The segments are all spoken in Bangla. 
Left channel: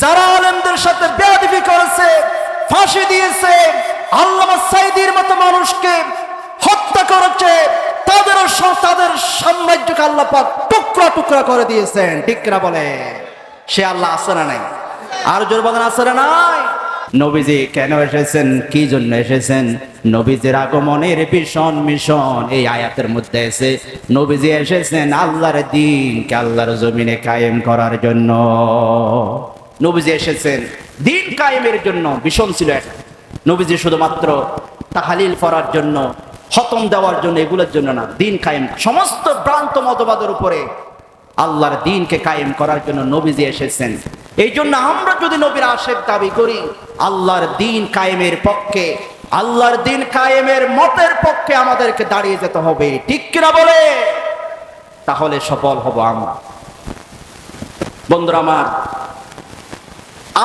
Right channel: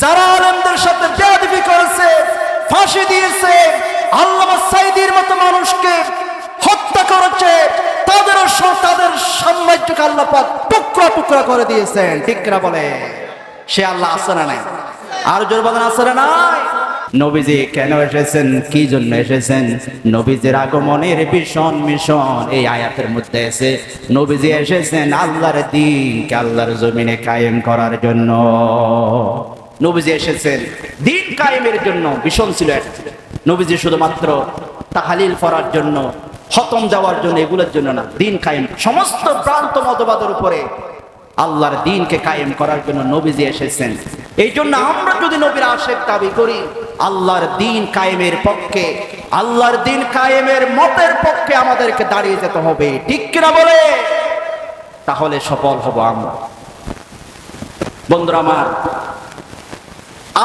যারা আলেমদের সাথে বেয়াদবি করেছে, ফাঁসি দিয়েছে, আল্লামা সাঈদীর মতো মানুষকে হত্যা করেছে, তাদের সাম্রাজ্যকে আল্লাহ পাক টুকরা টুকরা করে দিয়েছেন। ঠিক কিনা বলে? সে আল্লাহ আছে না নাই? আর জোর বলেন আছে না নাই? নবীজি কেন এসেছেন, কি জন্য এসেছেন? নবীজির আগমনের ভীষণ মিশন এই আয়াতের মধ্যে এসে নবীজি এসেছেন আল্লাহর দ্বীনকে আল্লাহর জমিনে কায়েম করার জন্য। নবীজি এসেছেন দ্বীন কায়েমের জন্য। ভীষণ ছিল এটা। নবীজি শুধুমাত্র তাহলিল পড়ার জন্য, খতম দেওয়ার জন্য, এগুলোর জন্য না, দ্বীন কায়েম, সমস্ত ভ্রান্ত মতবাদের উপরে আল্লাহর দ্বীনকে কায়েম করার জন্য নবীজি এসেছেন। এই জন্য আমরা যদি নবীর আশিক দাবি করি, আল্লাহর দ্বীন কায়েমের পক্ষে, আল্লাহর দ্বীন কায়েমের মতের পক্ষে আমাদেরকে দাঁড়িয়ে যেতে হবে। ঠিক কিনা বলে? তাহলে সফল হব আমরা। বন্ধুরা আমার,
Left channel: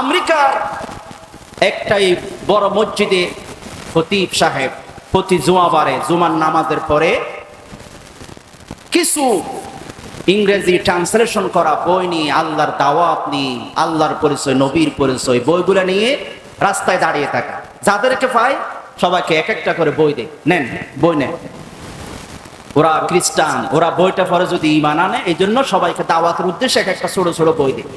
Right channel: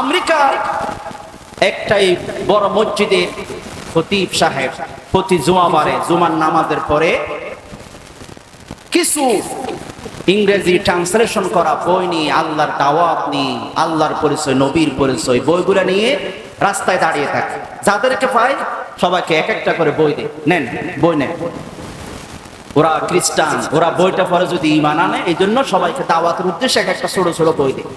আমেরিকার একটাই বড় মসজিদে খতিব সাহেব প্রতি জুমাবারে জুমার নামাজের পরে কিছু ইংরেজি ট্রান্সলেশন করা বই নিয়ে, আল্লাহর দাওয়াত নিয়ে, আল্লাহর পরিচয়, নবীর পরিচয়, বইগুলো নিয়ে রাস্তায় দাঁড়িয়ে থাকে। যাদেরকে পায় সবাইকে এক একটা করে বই দেয়, নেন বই নেন। ওরা খ্রিস্টান, ওরা বইটা পরে যদি ঈমান আনে, এই জন্য সবাইকে দাওয়াতের উদ্দেশ্যে এক একটা ছোট ছোট বই দেয়।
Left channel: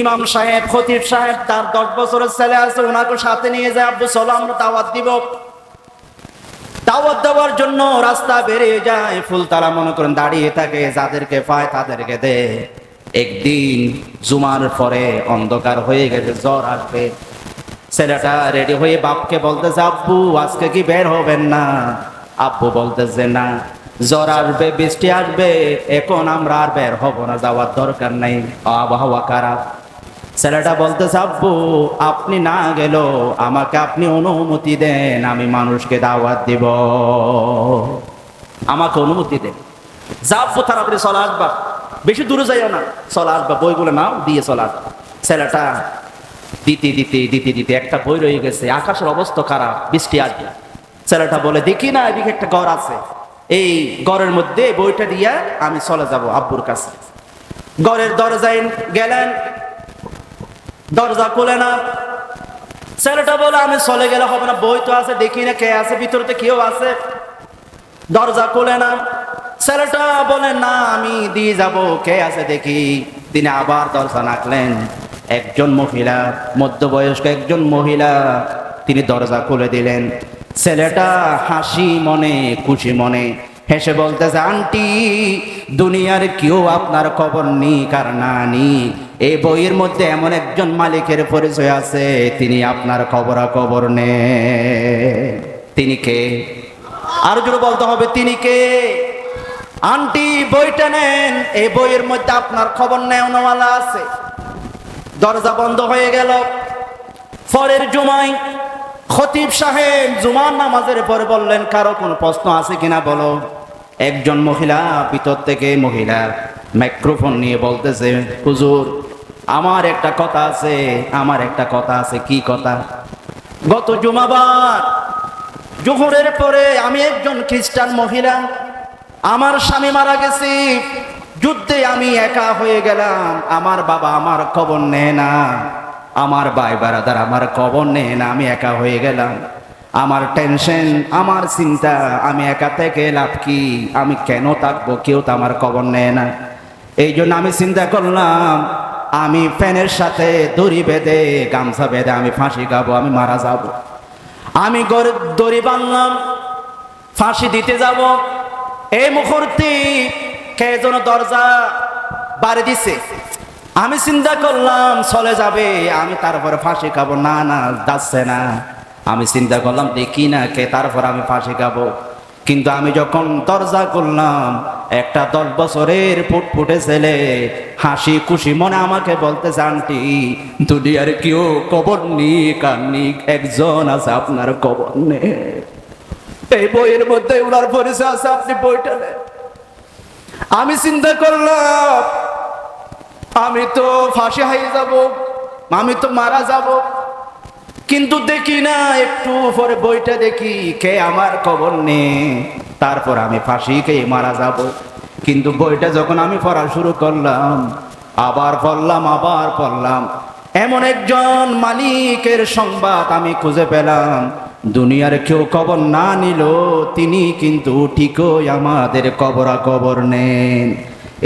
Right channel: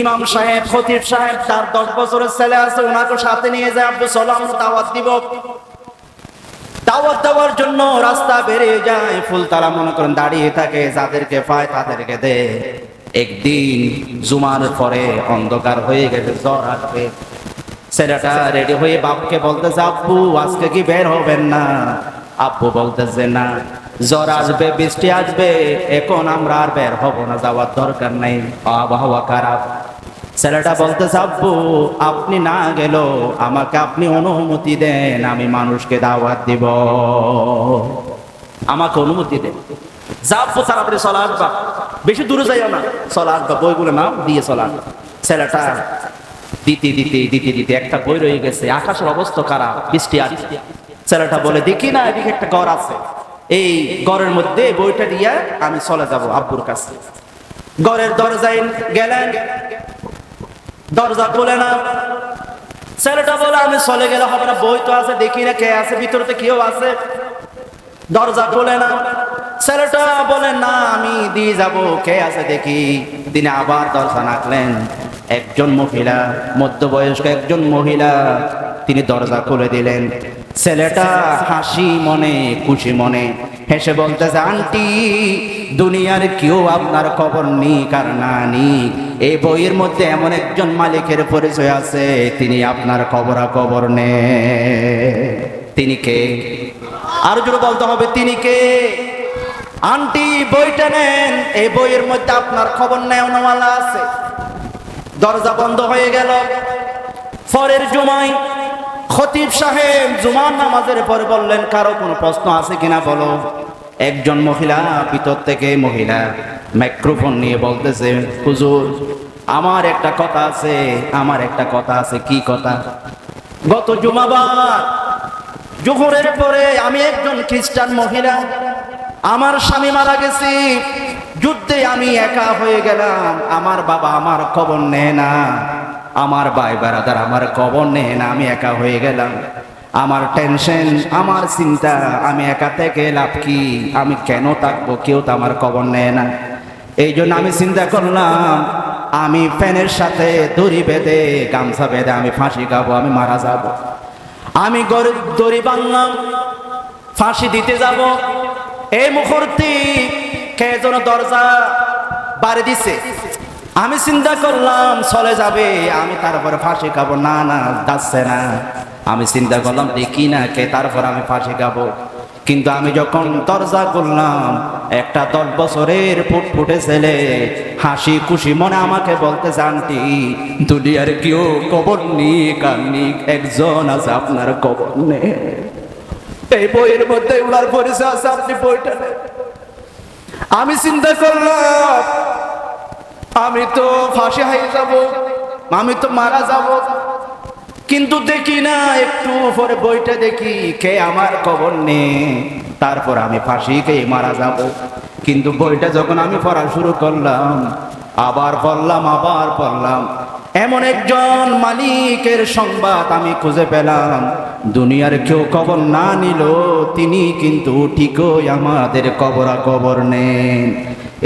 ইমাম সাহেব, খতিব সাহেব, তার 10 বছরের ছেলে আছে, ওনাকে সাথে নিয়ে যায়, আব্বু চলো আমরা দাওয়াত দিব। দাওয়াত দেওয়ার জন্য রাস্তা বেরিয়ে যায়, ফুলতলা মনে করেন দাঁড়িয়ে থাকে, যাদেরকে পায় তাদেরকে দেয়। একদিন জুমার পরে অন্ধকার হয়ে গেছে, জ্বর আসবে। ছেলেটা রেডি হয়ে বাপকে বলতেছে, আব্বু আজকে কি বের হবেন না? আব্বু বলতেছে, না, জ্বর আসবে, বৃষ্টি আসবে, এখন আমরা আর বের হব না, যাওয়ার দরকার নাই, আবহাওয়া খারাপ। ছেলেটা বলতেছে, আব্বু আপনি না গেলেও আমাকে আপনি অনুমতি দেন, আমি মানুষকে দাওয়াত দিব, আমাকে অনুমতি দেন। যা আব্বু, তাড়াতাড়ি চলে আসবা, বেশি দূরে যাইও না, চলে আসবা, বইগুলো নাও, দিয়ে চলে আসবা। ছেলেটা দিতে দিতে দিতে দিতে একটা বই রয়ে গেছে, আকাশের অবস্থা খারাপ, বৃষ্টি আসবে। ছেলেটা বলে, দেখি না এদিকে একটা ঘর আছে, এই ঘরের মধ্যে বইটা দিয়া আমি চলে যাব আব্বুর কাছে। ঘরের দরজায় গেলেন, দরজা খুলে না। ছেলেটা বলে, আমি চলে গেলে হবে না, বই তো আছে, দেখি না কে আছে ভিতরতে, কেউ আছে। দরজা খুলে না। ছেলেটা বলে, না আমি দিয়ে যাব, কে আছে দেখি। তিনি আবার দরজা নাকলেন। একজন মহিলা, মধ্যবয়স্ক একজন মহিলা, তিনি দরজা খুলে দিলেন। ছেলেটা হাসি মনে, খুশি মনে হেসে বলতেছে, আন্টি দুনিয়ার কেউ আপনার খবর নিক আর না নিক, এই বইয়ের মধ্যে এমন একজন মালিকের পরিচয় আছে, তিনি আপনার খবরাখবর নে। তিনি কে? আরো জোরে বলতে হবে, তিনি কে? আন্টি বইটা নেন, এই বইয়ের মধ্যে আপনার খবর নেওয়ালা আছে। দরজা বন্ধ হয়ে গেল। পরের জুমায় খতিব সাহেব জুমার নামাজের পরে বললেন, কারো কোনো প্রশ্ন আছে কিনা বলো। একজন মহিলা, ভিতর থেকে মহিলা মাইক্রোফোন নিয়ে বলতেছে, হুজুর আমার একটা কথা আছে, আমার একটা কথা আছে। কি কথা? গত জুমাবার জোহরের পরে আমি একজন খ্রিস্টান মহিলা, আমার স্বামী মারা গেছে, যুদ্ধে আমি একা হয়ে গেলাম, আমার বাবা আমার খবর নেয় না, আমার ভাই বারাদার আমার খবর নেয় না, আমি একা হয়ে গেলাম। আমার টেনশন, আমার চিন্তা, আমি একা থেকে লাভ কি? আমি কেন থাকবো? কেউ তো আমার খবর নেয় না। এই জন্য আমি চিন্তা করলাম, আমি ফ্যানের সাথে দড়ি বেঁধে, গামছা বেঁধে আমি ফাঁসি খাবো, আমি মারা যাব। আমি দড়ি বাঁধলাম, ফাঁসি দিতে যাব। এই মুহূর্তে কে যেন দরজা বাড়ি দিছে। আমি চিন্তা করলাম চলে যাবে, আমি তারপরে ফাঁসি খাবো। না না, যাচ্ছে না। আমি চিন্তা করলাম দেখি না কে, তারপর আমি ফাঁসি খাবো। কিন্তু আমি যখন দরজা করলাম, একটা 10 বছরের ফুটফুটে ছেলে হাসি খুশি মনে আমাকে বলতেছে, আন্টি দুনিয়ার কেউ খবর নিক আর নিক, একজন আছে আপনার খবর নেই, এই বইয়ের মধ্যে ওনার পরিচয় আছে, আপনি বইটা নেন। আমি চিন্তা করলাম আমি তো ফাঁসি হয়ে যাব, আমি তো মারা যাব। কিন্তু দেখি না, একটু পরে বইটা দেখি, কে আমার খবর নেই, তারপর আমি ফাঁসি খেয়ে মারা যাব। কিন্তু বইটা যখন আমি পড়া শুরু করলাম, আবার পড়লাম এমন একজন মালিকের সংবাদ আমি খুঁজে পেলাম, দুনিয়ার কেউ কবর না নিল তিনি কিন্তু ঠিকই আমাদের কবর নেন।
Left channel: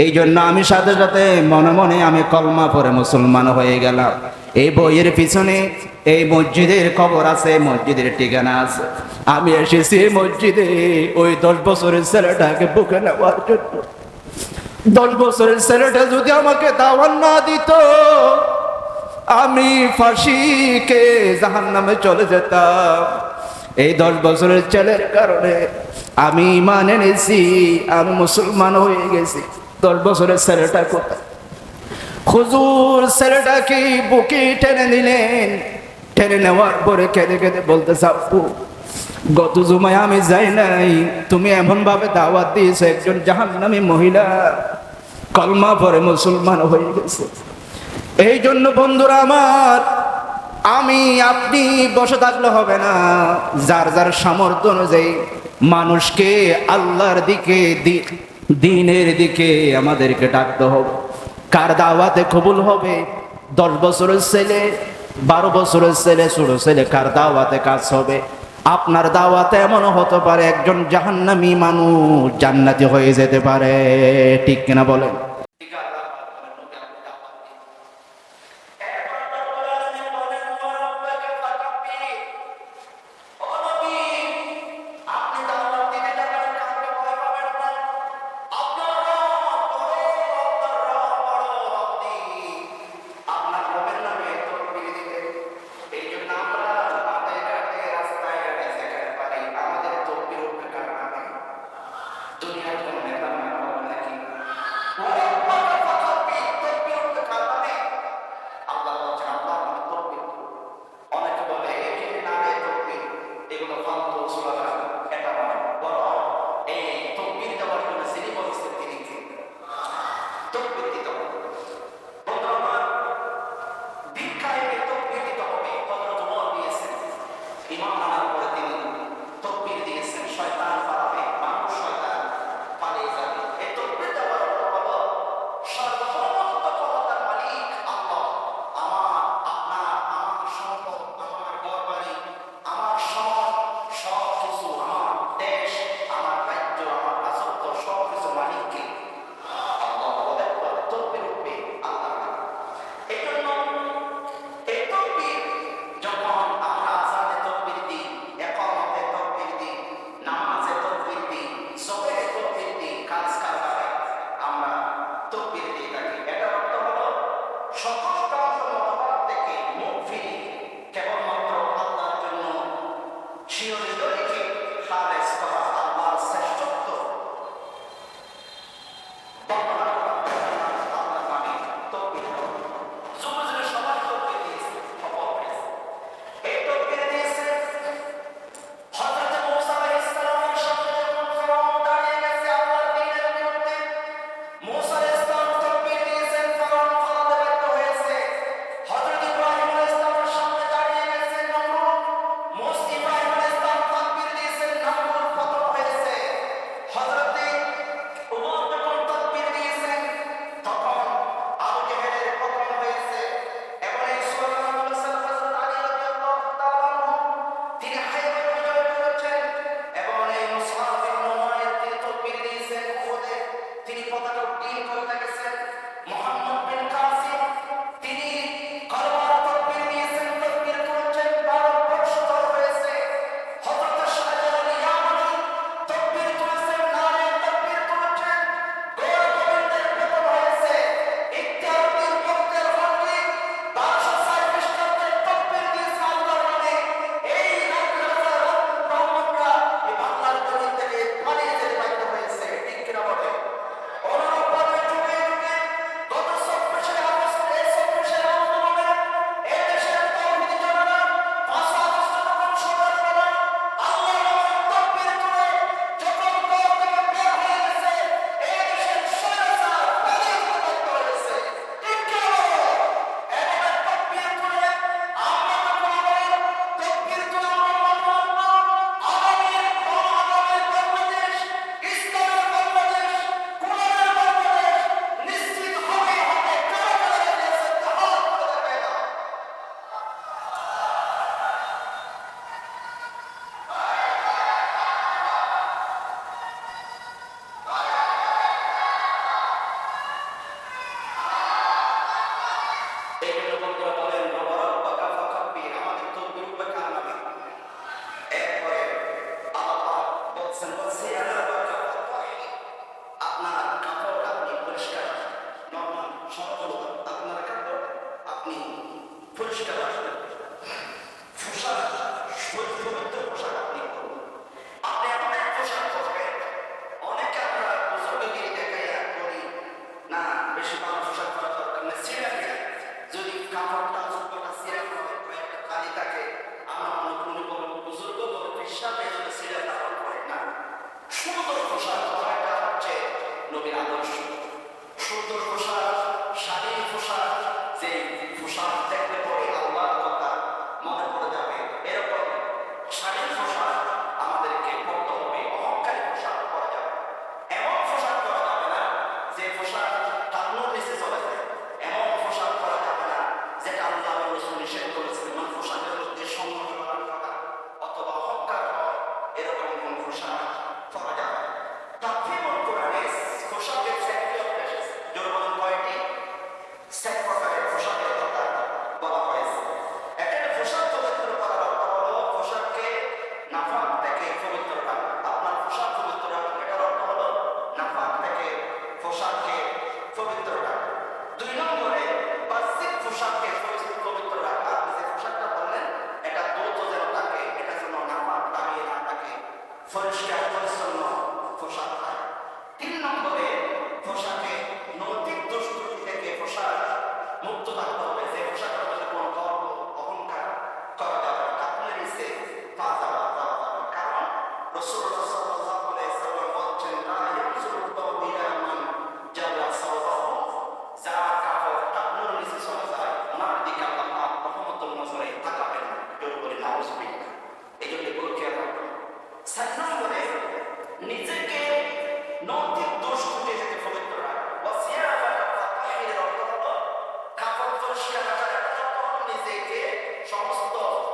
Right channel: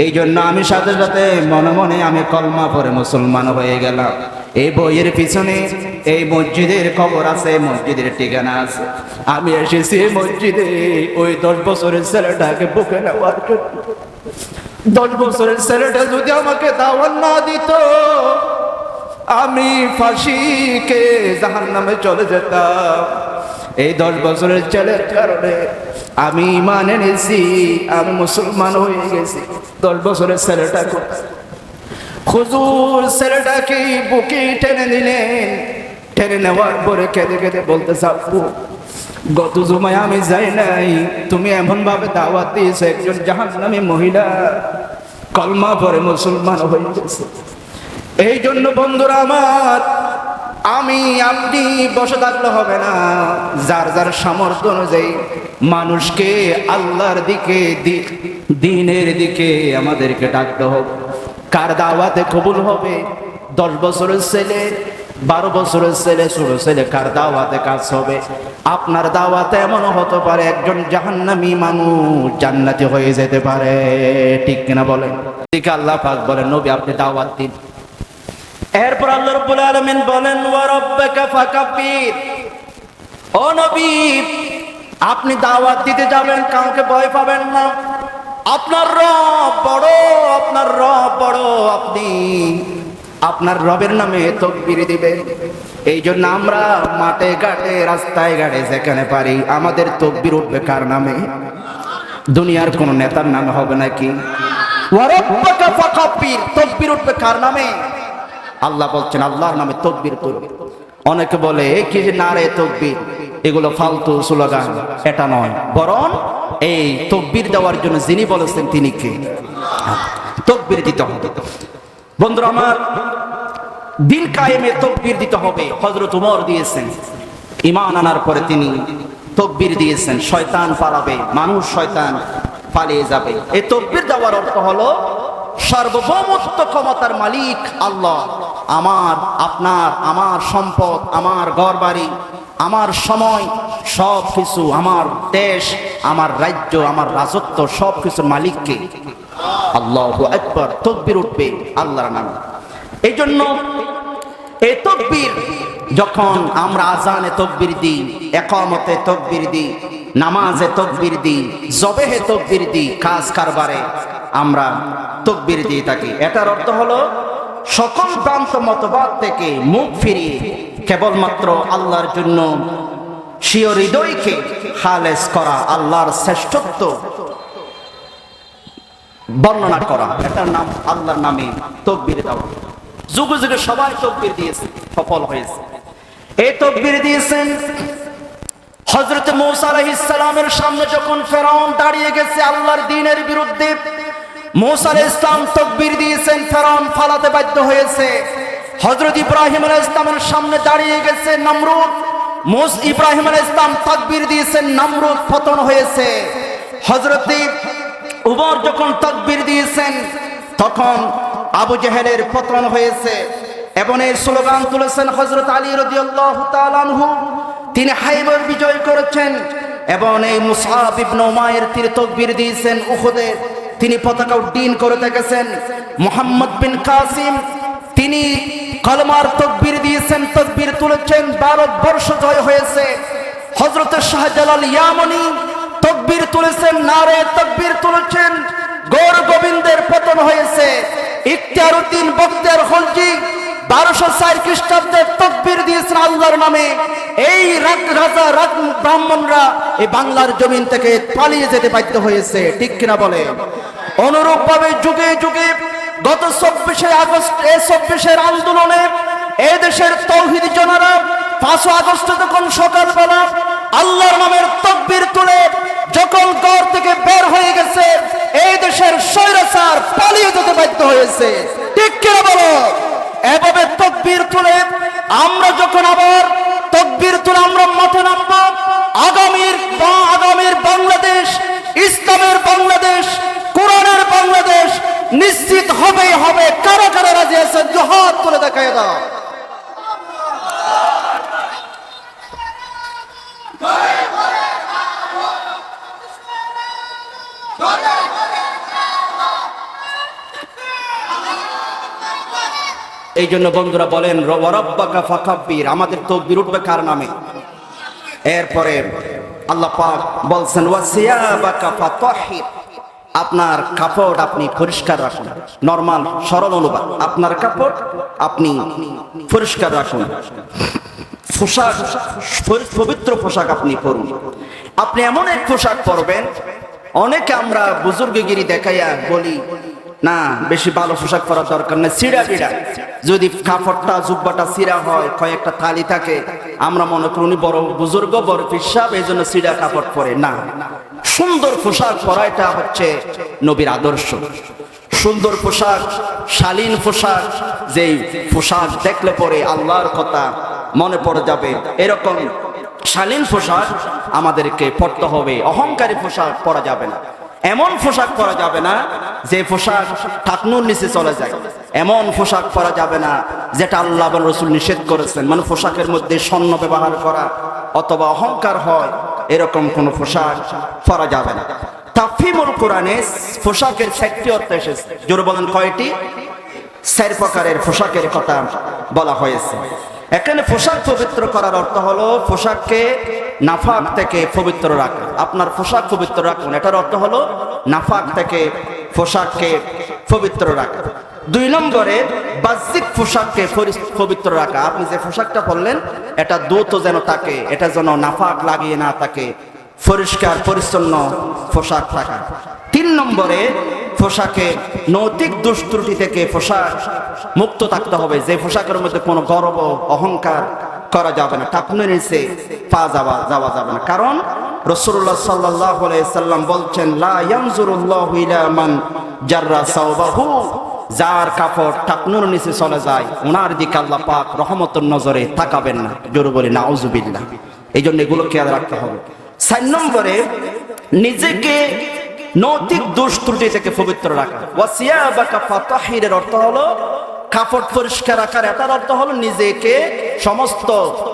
এই জন্য আমি সাথে সাথে মনে মনে আমি কলমা পড়ে মুসলমান হয়ে গেলাম। এই বইয়ের পিছনে এই মসজিদের খবর আছে, মসজিদের ঠিকানা আছে। আমি এসেছি মসজিদে ওই 10 বছরের ছেলেটাকে বুকে নেওয়ার জন্য। 10 বছরের ছেলেটা যদি আমাকে দাওয়াত না দিত, আমি ফাঁসিকে জাহান্নামে চলে যেতাম। এই 10 বছরের ছেলের কারণে আমি ঈমান এনেছি, আমি মুসলমান হয়ে গেছি। 10 বছরের ছেলেটা কোথায়? হুজুর ছেলেটাকে বুকে টেনে নিলেন, টেনে নেওয়ার পরে কেঁদে কেঁদে বলতে চাপু, গত জুমায় আমি যাই নাই, তুমি এমন ভাবে দাওয়াত দিয়েছো একজন জাহান্নামী মহিলা কলমা পরে মুসলমান হয়ে গেছে। এই জন্য বন্ধুরা আমার, আমি আপনি বসে থাকলে হবে না, যার যার সামর্থ্য অনুযায়ী মানুষকে আল্লাহর দিকে দ্বীনের দিকে আমাদেরকে ডাকতে হবে। কার দাওয়াতে কবুল হবে? 10 বছরের ছেলে, 12 বছরের ছেলে, ছোট ছেলে, কার দাওয়াতে কাজ হবে? আপনার দাওয়াতে এমন হতে পারে একজন জাহান্নামী মানুষ জান্নাতি হয়ে যেতে পারে, ঠিক কিনা বলেন? ঠিক। আল্লাহ পাক বলেন নবী আপনি দাওয়াত দিন। এরপর আল্লাহ রাব্বুল আলামিন বলেন ওয়া রাব্বাকা ফাকাব্বির, ও নবী আপনি দাওয়াত দিতে যাবেন, কাউকে ভয় পাবেন না। আপনার রব বড়, আপনার রব বড়, আপনি আপনার রবের নামে তাকবীর দিবেন। এই জন্য আমরা মাঠে ঘাটে রাস্তায় ঘাটে যেখানে পারি আমাদের তাকবীর উঠবে কার নামে? দুনিয়ার কোন নেতার নামে হবে নাকি? ওয়া রাব্বাকা ফাকাব্বির, তাকবীর উঠবে কার নামে? আল্লাহ বলছেন আল্লাহর নামে তাকবীর করো। অনেকে বলে কি যে নারে তাকবীর, এগুলো ফালতু স্লোগান। এটা নয়, বরং এই তাকবীর দেওয়ার জন্য যিনি বলেছেন তিনি কে? তাকবীর দিতে হবে। বন্ধুরা আমার, দিন কায়েমে তাকবীর দিতে হবে। হযরত ওমর দিয়েছেন, ঈমান আনার পরে তিনি তাকবীর দিয়েছেন, শয়তান পালাবে, মানুষ শয়তান পালিয়ে যাবে। এই তাকবীর দেওয়ার অর্থ হলো সার্বভৌমত্ব ক্ষমতার মালিক আল্লাহ। আমার, আপনার, আমার সম্পদ, আমার ঘরবাড়ি, আমার সময়, সব কিছু, আমার দেশ, আমার রাজ্য, আমার রাজত্ব, সব কিছুর মালিককে। আল্লাহু আকবার। তাকবীর উঠবে আল্লাহর নামে। এই জন্য এই তাকবীর যখন আমরা আজানে তাকবীর দিই, ইকামতে তাকবীর দিই, নামাজে তাকবীর দিই, জবেহে তাকবীর দিই, কাজ কারবারে আমরা তাকবীর দিয়ে থাকি। এটার অর্থ হলো সকল ভ্রান্ত মতবাদ থেকে মুখ ফিরিয়ে কেবলমাত্র আল্লাহর জন্য স্বীয় হৃদয়কে খালেস করা, আল্লাহর শ্রেষ্ঠত্ব বর্ণনা করা। এটার নাম আল্লাহর নামে তাকবীর দেওয়া। যুগে যুগে সবাই তাকবীর দিয়েছে, সফল হয়েছে। এই তাকবীর দিয়েছেন হযরত মূসা আলাইহিস সালামের সামনে যখন ফেরাউন দাঁড়িয়ে গেছে আল্লাহর দ্বীনের বিরুদ্ধে, মূসা আলাইহিস সালাম তাকবীর দিয়েছেন, ফেরাউন পালাতে বাধ্য হয়েছে। হযরত ইব্রাহিম আলাইহিস সালামের সামনে দাঁড়িয়ে গেছে নমরুদ, ইব্রাহিম আলাইহিস সালাম তাকবীর দিয়েছেন, নমরুদ পতন হয়েছে। হযরত উমর যখন তাকবীর দিয়েছেন তখন আবু জেহেলের পতন হয়েছে। এবং এই স্লোগান তুলেছেন হযরত আলী রাদিয়াল্লাহু তাআলা আনহু, তিনি হাইবার বিজয় করেছেন। এবং এই মুসআব ইবনে উমাইর তিনি তাকবীর দিয়েছেন উহুদে, তিনি পতাকা উড্ডীন করে থেকেছেন। মুহাম্মদ বিন কাসিম তিনি কলমার তাকবীর দিয়েছেন, তাকবীর তুলেছেন, ভারতবর্ষ জয় হয়েছে। হযরত শাহজালাল ইয়ামানি তাকবীর তুলেছেন, নারে তাকবীর তুলেছেন, গৌর গোবিন্দের পতন হয়েছে। ইখতিয়ারউদ্দিন বখতিয়ার খলজি 1204 খ্রিস্টাব্দে তাকবীর দিয়েছেন আল্লাহর নামে। এই রাজা ব্রাহ্মণরা এই বাংলার জমিন থেকে পালিয়ে যেতে বাধ্য হয়েছে, ঠিক কিনা বলে? অনুরূপ ভাবে যুগে যুগে গত 24শে আগস্ট এই 24-এর আন্দোলনে এই দেশের তাওহীদি জনরা 5 আগস্ট যখন সকালবেলা আল্লাহর নামের তাকবীর তুলে যখন ঘর থেকে বের হয়ে গেছে, এই দেশের স্বৈরাচার পালিয়ে যেতে বাধ্য হয়েছে, ঠিক কিনা বলো? এভাবে তাকবীর তুলে আমরা যখন আবার তাকবীর তুলে আমরা মাঠে নামবো, আগামীর বাংলাদেশ, ইসলামের বাংলাদেশ, কোরআনের বাংলাদেশ, নিশ্চিত হবেই হবে। কারা কারা রাজি আছেন হাত তুলে দেখায় দাও। এই জন্য বন্ধুরা বলেন রব্বাকা ফাকাব্বির, আমাদের তাকবীর উঠবে কার নামে? এরপরে আল্লাহ পাক বলছেন ওয়াসিয়াবাকা ফাতাহির, আপনার কাপড় আপনি পরিষ্কার রাখুন। নরমাল সরল অনুবাদ, আপনার কাপড় আপনি পরিষ্কার রাখুন। পোশাক, পবিত্র পোশাক আপনি পরুন। আপনি এমন এক পোশাক পরবেন, অনেকে আমরা বুজুর্গগিরি দেখাইয়া বলি না বেশি ভালো পোশাক পরার দরকার নেই, সিরা বিড়া যদি কাপড়টা জুব্বাটা সিরা হয়, কয়েকটা তালি থাকে, আমরা মনে করি উনি বড় বুজুর্গ, বড় পিসাব, এই জন্য সিরা কাপড় পরে না। সুন্দর পোশাক পরা এটা হচ্ছে নবীর আদর্শ। সুন্দর পোশাক, শালীন পোশাক, যেই পোশাক দেখলে পরে আল্লাহর কথা মনে পড়ে যাবে, এরকম শালীন পোশাক আমাদেরকে পরতে হবে। অহংকারী পোশাক পরা যাবে না। এমন পোশাক পরা যাবে না যে পোশাক টাকনুর নিচে চলে যায়। এমন পোশাক পরা যাবে না যেটা আল্লাহ এবং রাসূল নিষেধ করেছেন, মানে পোশাকের মধ্যে স্বর্ণ ব্যবহার করা অথবা অহংকার হয়, এরকম কোন পোশাক পরা যাবে না। তাফহিমুল কোরআনে পোশাকের 6টি অর্থ এসেছে। জোরে বলেন কয়টি? 4 প্রকারের পোশাকের কথা বলা হয়েছে। এখানে পোশাক পবিত্র করার অর্থ হলো পোশাককে নাফাক থেকে পবিত্র রাখা। আপনার পোশাক পবিত্র রাখুন, এটার অর্থ হলো নাফাক থেকে পোশাককে পবিত্র রাখা। 2 নম্বরে বাহ্যিক পোশাককে পবিত্র রাখা। আপনি যে পোশাকটা পরলেন এটা দ্রুত যেন থাকে, এটা যেন নাফাক লাগিয়ে না থাকে, পরিষ্কার পরিচ্ছন্ন পোশাক থাকা। 3 নম্বরে পোশাকে নৈতিক দুষ্ত্রুটি থেকে পোশাক মুক্ত থাকতে হবে। যে পোশাকের মধ্যে কোনো গর্ব অহংকার করা যাবে না, টাকনুর নিচে পা যাওয়া যাবে না। কারণ রাসূলুল্লাহ সাল্লাল্লাহু আলাইহি সাল্লাম বলছেন লা ইয়ানজুরুল্লাহু ইলা মান জাররা সাওবাহু, যার কাপড় টাকনুর নিচে চলে যায় ওনার দিকে আল্লাহ পাক রহমতের নজরে তাকাবেন না। জোরে বলি নাউজুবিল্লাহ। এই জন্য এগুলো খেয়াল রাখতে হবে। 4 নম্বরে নিজেকে নৈতিক দোষ ত্রুটি থেকে পবিত্র রাখা। ওয়াসিয়াবাকা ফাতাহিরের অর্থ হলো কাপড় পরিষ্কার রাখার, এটার অর্থ হলো নিজেকে সমস্ত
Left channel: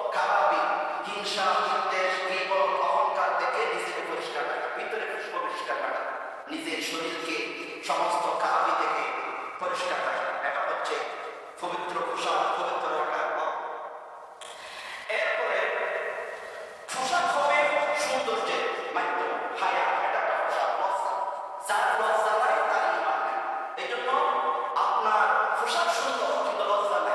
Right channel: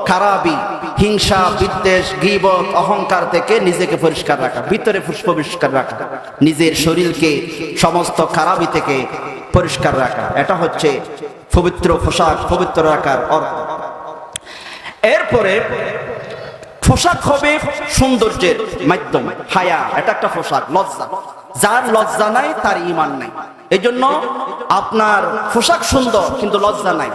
খারাপি, হিংসা, বিদ্বেষ, গীবত, অহংকার থেকে নিজেকে পরিষ্কার রাখা, ভিতরে পরিষ্কার রাখা, নিজের শরীরকে সমস্ত খারাপি থেকে পরিষ্কার রাখা। এটা হচ্ছে পবিত্র পোশাক পবিত্র রাখার অর্থ। এরপরে পোশাক হবে সৌন্দর্যের মাধ্যম। হায়া, এটা একটা পোশাক। লজ্জা, যার লজ্জা নাই তার ঈমান নাই। এই জন্য আপনার পোশাক সুন্দর কিন্তু লজ্জা নাই,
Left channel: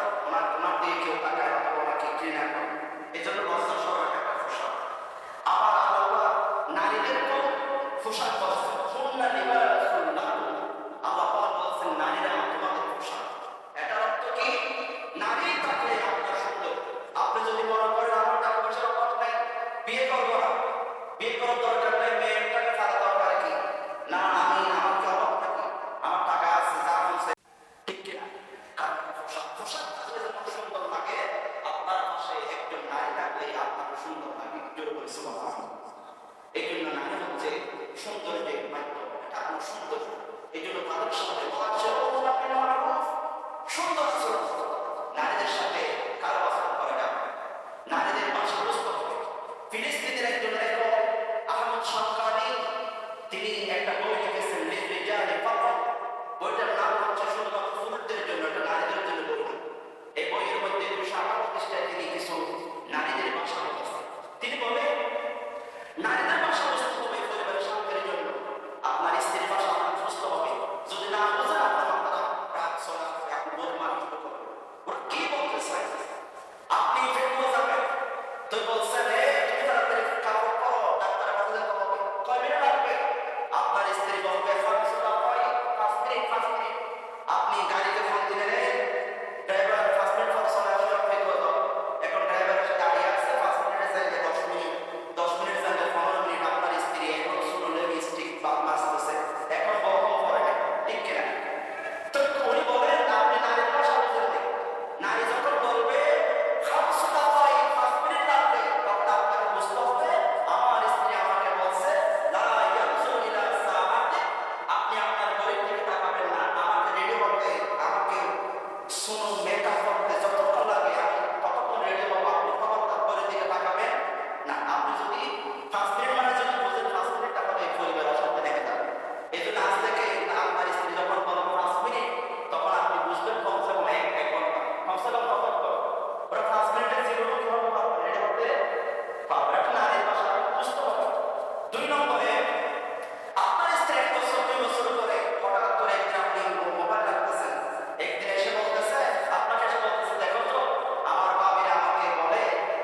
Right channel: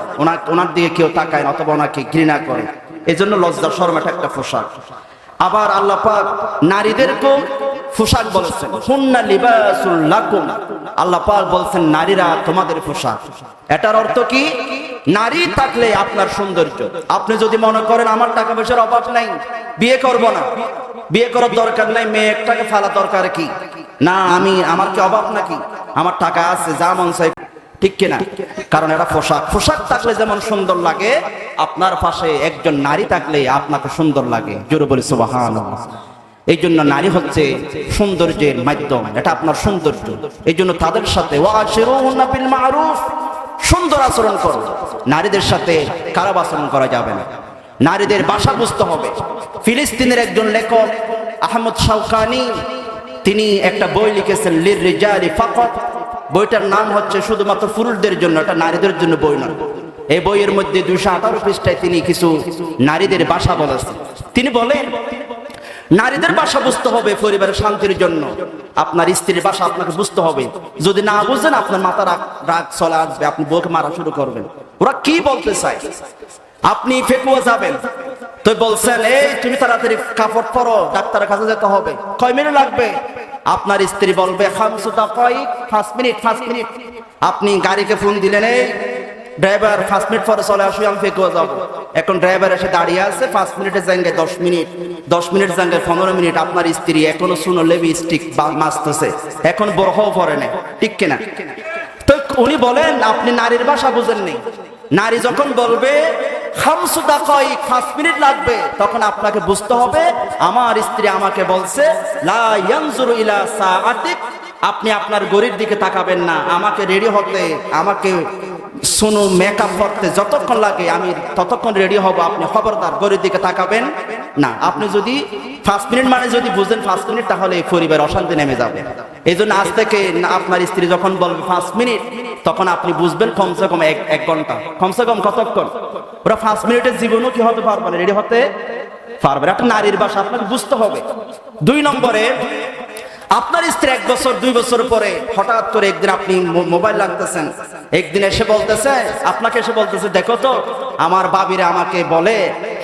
ওনার দিকে কেউ তাকায় না অথবা ওনাকে ঘৃণা করে, এই জন্য লজ্জা শরম এটা একটা পোশাক। আবার আল্লাহ পাক নারীদেরকেও পোশাক বলেছেন, হুন্না লিবাসুল লাকুম, আল্লাহ পাক বলছেন নারীরা তোমাদের পোশাক। এটার অর্থ কি? নারী থাকলে আপনার সৌন্দর্য। আপনি যদি মনে করেন আমার টাকা পয়সার অভাব নাই, বিয়ে করব না, বিয়ে করার দরকার নাই, মেয়ে একটাকে ফালা দরকার কি না, আমার কি অভাব নাকি, আমার টাকা আছে, যা মন চাই, ঠিক কিনা? কারণ এটা পোশাক। পোশাক থাকলে যেমন সুন্দর লাগে, আপনার পাশে একজন নারী থাকলে আপনাকে সুন্দর লাগে। জোরে বলি সুবহানাল্লাহ। এই জন্য নারী হচ্ছে সৌন্দর্যের মাধ্যম, এটা আপনার সৌন্দর্য। এই জন্য তাদের সাথে ওয়াশিরুহুন্না বিল মারুফ, সুন্দর আচরণ করো। নারীদের সাথে খারাপ আচরণ করা যাবে না। নারীদের ভাষা বুঝতে হবে। ফিলিস্তিনের একজন লেখক আহমদ শাওকানি, তিনি একটা বই লিখেছেন লির রিজালি ফাকাত। বইটার নাম হচ্ছে শুধুমাত্র পুরুষদের জন্য, এটা নারীদের জন্য বই নয়। এই বইয়ের মধ্যে 218 পৃষ্ঠায় তিনি কিছু নারীদের ভাষা বলেছেন। তিনি বলেন নারীদের ভাষা বুঝতে হবে পরিবারের শান্তির জন্য। আপনার স্ত্রীর ভাষা আপনাকে বুঝতে হবে। যদি না বুঝেন আপনার মাথা রাগ চলে আসবে, আপনি বউকে মারা শুরু করবেন। ওরা কি বলতে চায়, আপনি ফেকুয়া যাবেন তো বলছেন এই তুমি তাড়াতাড়ি কাপড় পরো, ডাক্তারের কাছে যেতে হবে, কয় মিনিট লাগবে? আপনার স্ত্রী বলবে 5 মিনিট। আপনি গাড়িকে ফোন দিলেন, এই ড্রাইভার 5 মিনিট পরে চলে আসো, আমি ফেকুয়া যাবো। এখন ড্রাইভার এসে দাঁড়িয়ে আছে, 5 মিনিটের জায়গায় 10 মিনিট, 10 মিনিটের জায়গায় 15 মিনিট। আপনার স্ত্রী এখনো শুনো লিপস্টিক মাছতেছে, এখন বরহও পরে নেই, ঠিক কিনা? তো উনি বলেন আপনি নারীর ভাষা বুঝেননি। নারী যখন বলবে 5 মিনিট লাগবে, তখন আপনাকে বুঝতে হবে আমার স্ত্রী আমাকে বলছে লা ইয়ানজুরু ইলা সাআতিক আপনি আপনার গড়ির দিকে তাকাবেন না, আমাকে রেডি হতে, আমাকে শুনো মেকআপ করতে যতক্ষণ লাগে আমি ততক্ষণ রেডি হব, আপনি খবরদার গড়ির দিকে তাকাবেন না। আপনি যদি 5 মিনিট মানে যদি বুঝেন 5 মিনিট, তাহলে এই পরিবার অশান্তি নেমে যাবে। এই জন্য আজ থেকে আপনার স্ত্রী যখন বলবে 5 মিনিট, তখন আপনি বুঝবেন কমসে কম 1 ঘন্টা, কমসে কম কতক্ষণ। ওরা 5 মিনিটের জীবনও কি হতে পারবে না, রেডি হতে পারবে। একটা নারীর ভাষা আপনাকে বুঝতে হবে। 2 নম্বরে, আপনার স্ত্রী 1 বছর 2 বছর পরে হঠাৎ করে একদিন আপনি মোবাইল লাগতেছেন, একদিন এসে বলতেছে, আপনাকে এসে বলতেছে, দেখো তো আমার বাবিরা আমাকে বলে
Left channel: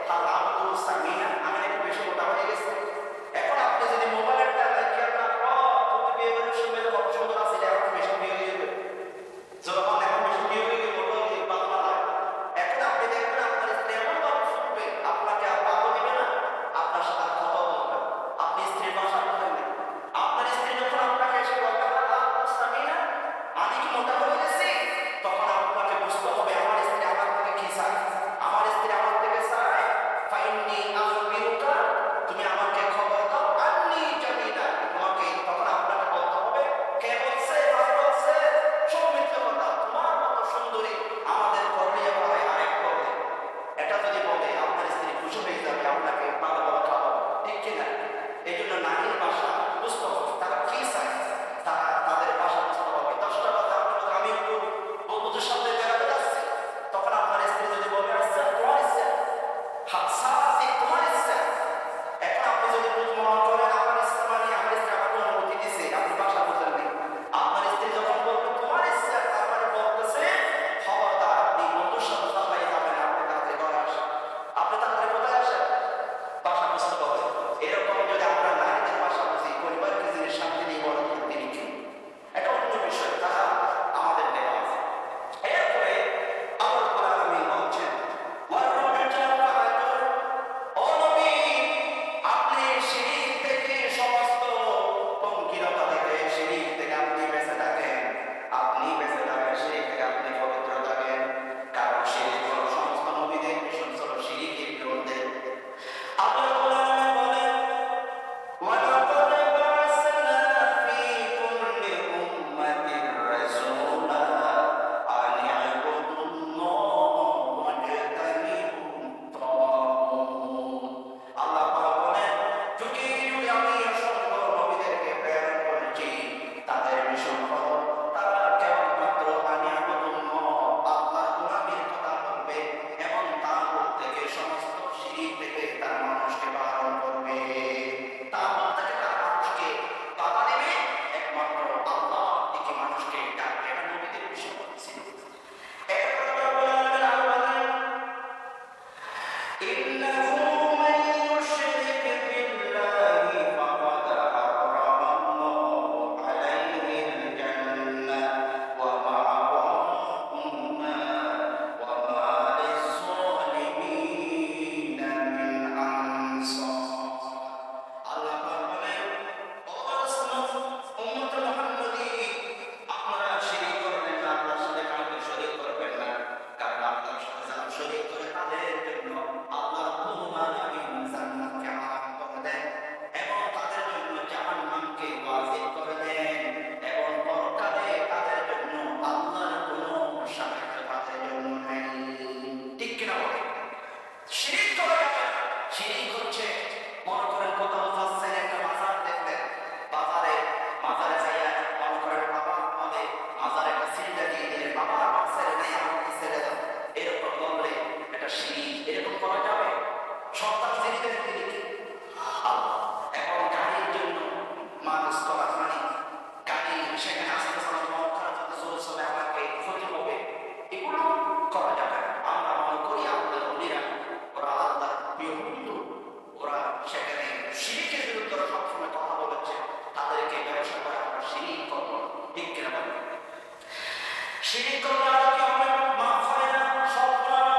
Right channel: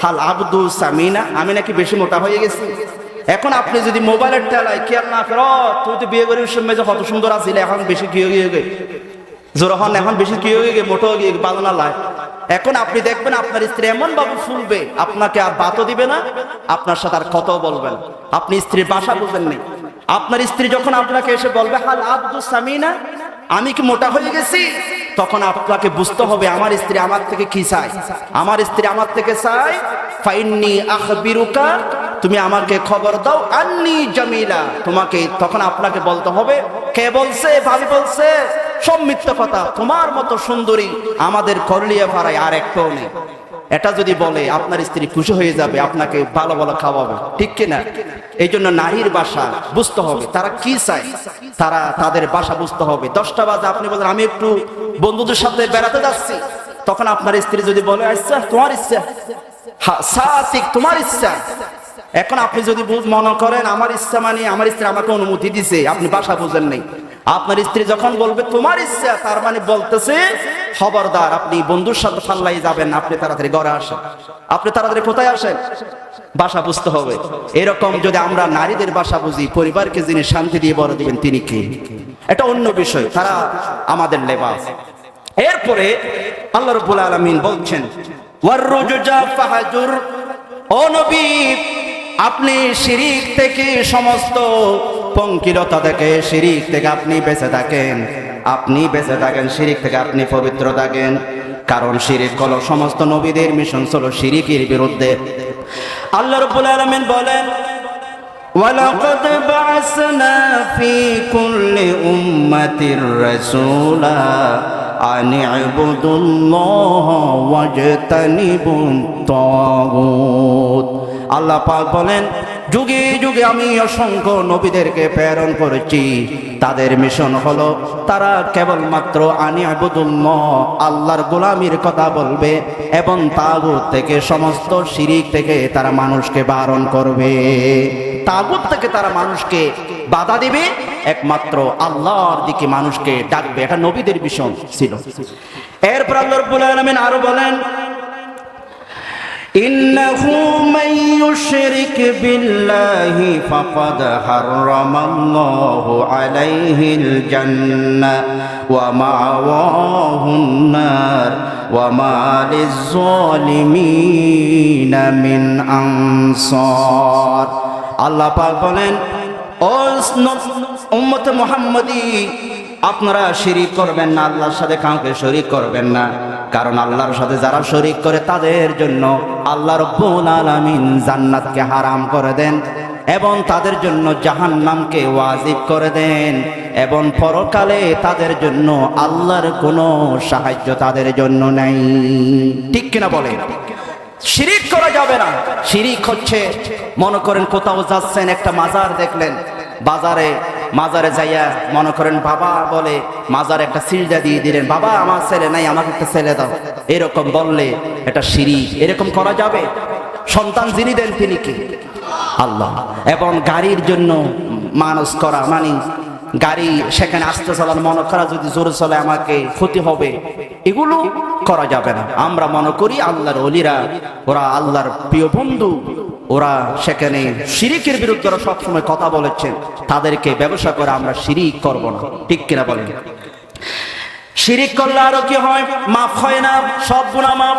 হাল আব্দু সামিনা, আমি নাকি বেশি মোটা হয়ে গেছি। এখন আপনি যদি মোবাইলের টেলায় খেয়াল না করো, তুই তো বিয়ে করির সময় যে কত সুন্দর আছিলে, এখন বেশি কি হয়ে গে জোর হন, এখন বেশি কি হয়ে গে, মোটো হয়ে ভালো না লাই। এখন আপনি দেখবেন আপনার স্ত্রী এমন ভাবে ফুলবে, আপনাকে আর বাতও দিবে না, আপনার সাথে আর কত বলবেন। আপনি স্ত্রীর ভাষা বুঝেননি। আপনার স্ত্রী যখন আপনাকে এসে বলবে হাল আব্দু সামিনা, আমি কি মোটা হয়ে গেছি, তখন আপনাকে বুঝতে হবে আমার স্ত্রী আমার থেকে কি চায়। আমার স্ত্রী আমার থেকে চায় ফাইন্নি আখবিরুকা, তুমি আমাকে খবর দাও, আন্নি জামিলা, তোমাকে, তখন আপনাকে বলতে হবে কে বলছে, ভাবি বলছে, সব মিথ্যা কথা, তোমার মতো সুন্দরী আমাদের করলিয়া পাড়ায় আর একটাও নেই। এটা যদি বলে আপনার স্ত্রী খুশি হয়ে যাবে, আপনাকে ভালো ভালো খাওয়াবে, ঠিক কিনা? এই জন্য নারীর ভাষা বুঝতে হবে, তারা কি চায়, তারা তাদের ভাষা বুঝতে হবে। 10টা বাজে আপনি বলেন আমি একটু বন্ধুদের সাথে বেড়াতে যাচ্ছি, তখন আপনার স্ত্রী যদি বলে আচ্ছা তোমার ইচ্ছা, সাথিক তোমার ইচ্ছা। এখন আপনি যদি মনে করেন আমার ইচ্ছা মানে আমার স্ত্রী আমাকে অনুমতি দিছে, আপনি ভাষা বুঝেন নাই। আপনার স্ত্রী যখন বলবে তোমার ইচ্ছা, তার মানে বলতেছে খবরদার আপনি বন্ধুর সাথে ফাল্লাই যাবেন, আপনি তাড়াতাড়ি ঘরে আসেন। আপনি তাড়াতাড়ি কোথায় আসেন, ভাষা বুঝতে হবে। এরকম যদি আমরা নারীদের ভাষা বুঝি, পরিবারকে যিনি শান্তি দিয়ে বড় দিবেন তিনি কে, এটা অন্য বিষয়, তারা আমাদের লেবাস। এরপরে আল্লাহ রাব্বুল আলামিন বলছেন ওয়াররুজা ফাহাজুর, ও নবী আপনি শিরিক থেকে, সমস্ত পঙ্কিলতা থেকে, শিরিক থেকে আপনি বেঁচে থাকেন, আপনি বেঁচে থাকেন, শিরিক থেকে আপনি পবিত্র থাকেন। কারণ শিরিক হলো সমস্ত নবীদের মিশন ছিল শিরিকের বিরুদ্ধে। আল্লাহ রাব্বুল আলামিন বলেন ওয়ালাকাদ বা'সনা ফি কুল্লি উম্মাতির রাসূলা আন ইবুদুল্লাহ ওয়াজতানিবুত তাগুত। আল্লাহ পাক বলেন যুগে যুগে আমি অসংখ্য নবীদেরকে প্রেরণ করেছি, তাদের মিশন হলো তারা কেবলমাত্র আনি ইবুদুল্লাহ, আল্লাহর গোলামির কথা বলবে এবং তাগুত থেকে, সমস্ত শিরিক থেকে তারা মানুষকে বারণ করবে, তাগুত থেকে তারা মানুষকে বাধা দিবে, একমাত্র আল্লাহর দিকে মানুষকে ডাকবে। এটা নবীদের মিশন ছিল। এরপর আল্লাহ রাব্বুল আলামিন আরো বলেন ইন্নাহু মান ইউশরিক বিল্লাহি ফাকাদ হারামাল্লাহু আলাইহিল জান্নাহ ওয়া মাওয়াহুন নার ওয়া মা লিয-যালিমিনা মিন আনসার। আল্লাহ পাক বলেন ও উম্মতে মুহাম্মাদি, আপনারা শিরিক করবেন না, আল্লাহর সাথে কাউকে শরীক করবেন না। কারণ আল্লাহর সাথে যারা শরীক করে তাদের জন্য আল্লাহ রাব্বুল আলামিন জান্নাতকে হারাম করে দেন এবং তাদের জন্য জাহান্নামকে ওয়াজিব করে দেন, এবং পরকালে তাদের জন্য আল্লাহর কোনো সাহায্য তাদের জন্য নাই। ঠিক কিনা বলেন? শিরিক করা যাবে না। শিরিক হচ্ছে, মনে করেন কোথাও যাচ্ছেন, একটা মাজার দেখলেন, মাজারে যাইয়া মনে করেন বাবা বলে মাজারে একটা সিজদা দিয়ে দিলেন, বাবা আমার ছেলে নাই, আমাকে একটা ছেলে দাও, এরকম বললে এটা শিরিক। এরকম করা যাবে? সন্তান যিনি দেন তিনি কি? আল্লাহ। এবং গাড়ির জন্য মানুষ করা, মানে গাড়ি সেখানে আসতে চলার মনে করা, যদি জোরে চলে আমাকে ক্ষতি হবে, এগুলো করা যাবে না। আমরা মনে করি আল্লাহর ওলিরা, ওরা আল্লাহর প্রিয় বন্ধু, ওরা সেখানে শিরিকের বিরুদ্ধে ওরা সবসময় কথা বলেছেন, তাদেরকে ব্যবসা করে আমরা শিরিক করব না। ঠিক কিনা বলেন? শিরিক করলে আরো কি হয়? মাফ হয় না, সব গুনাহ মাফ।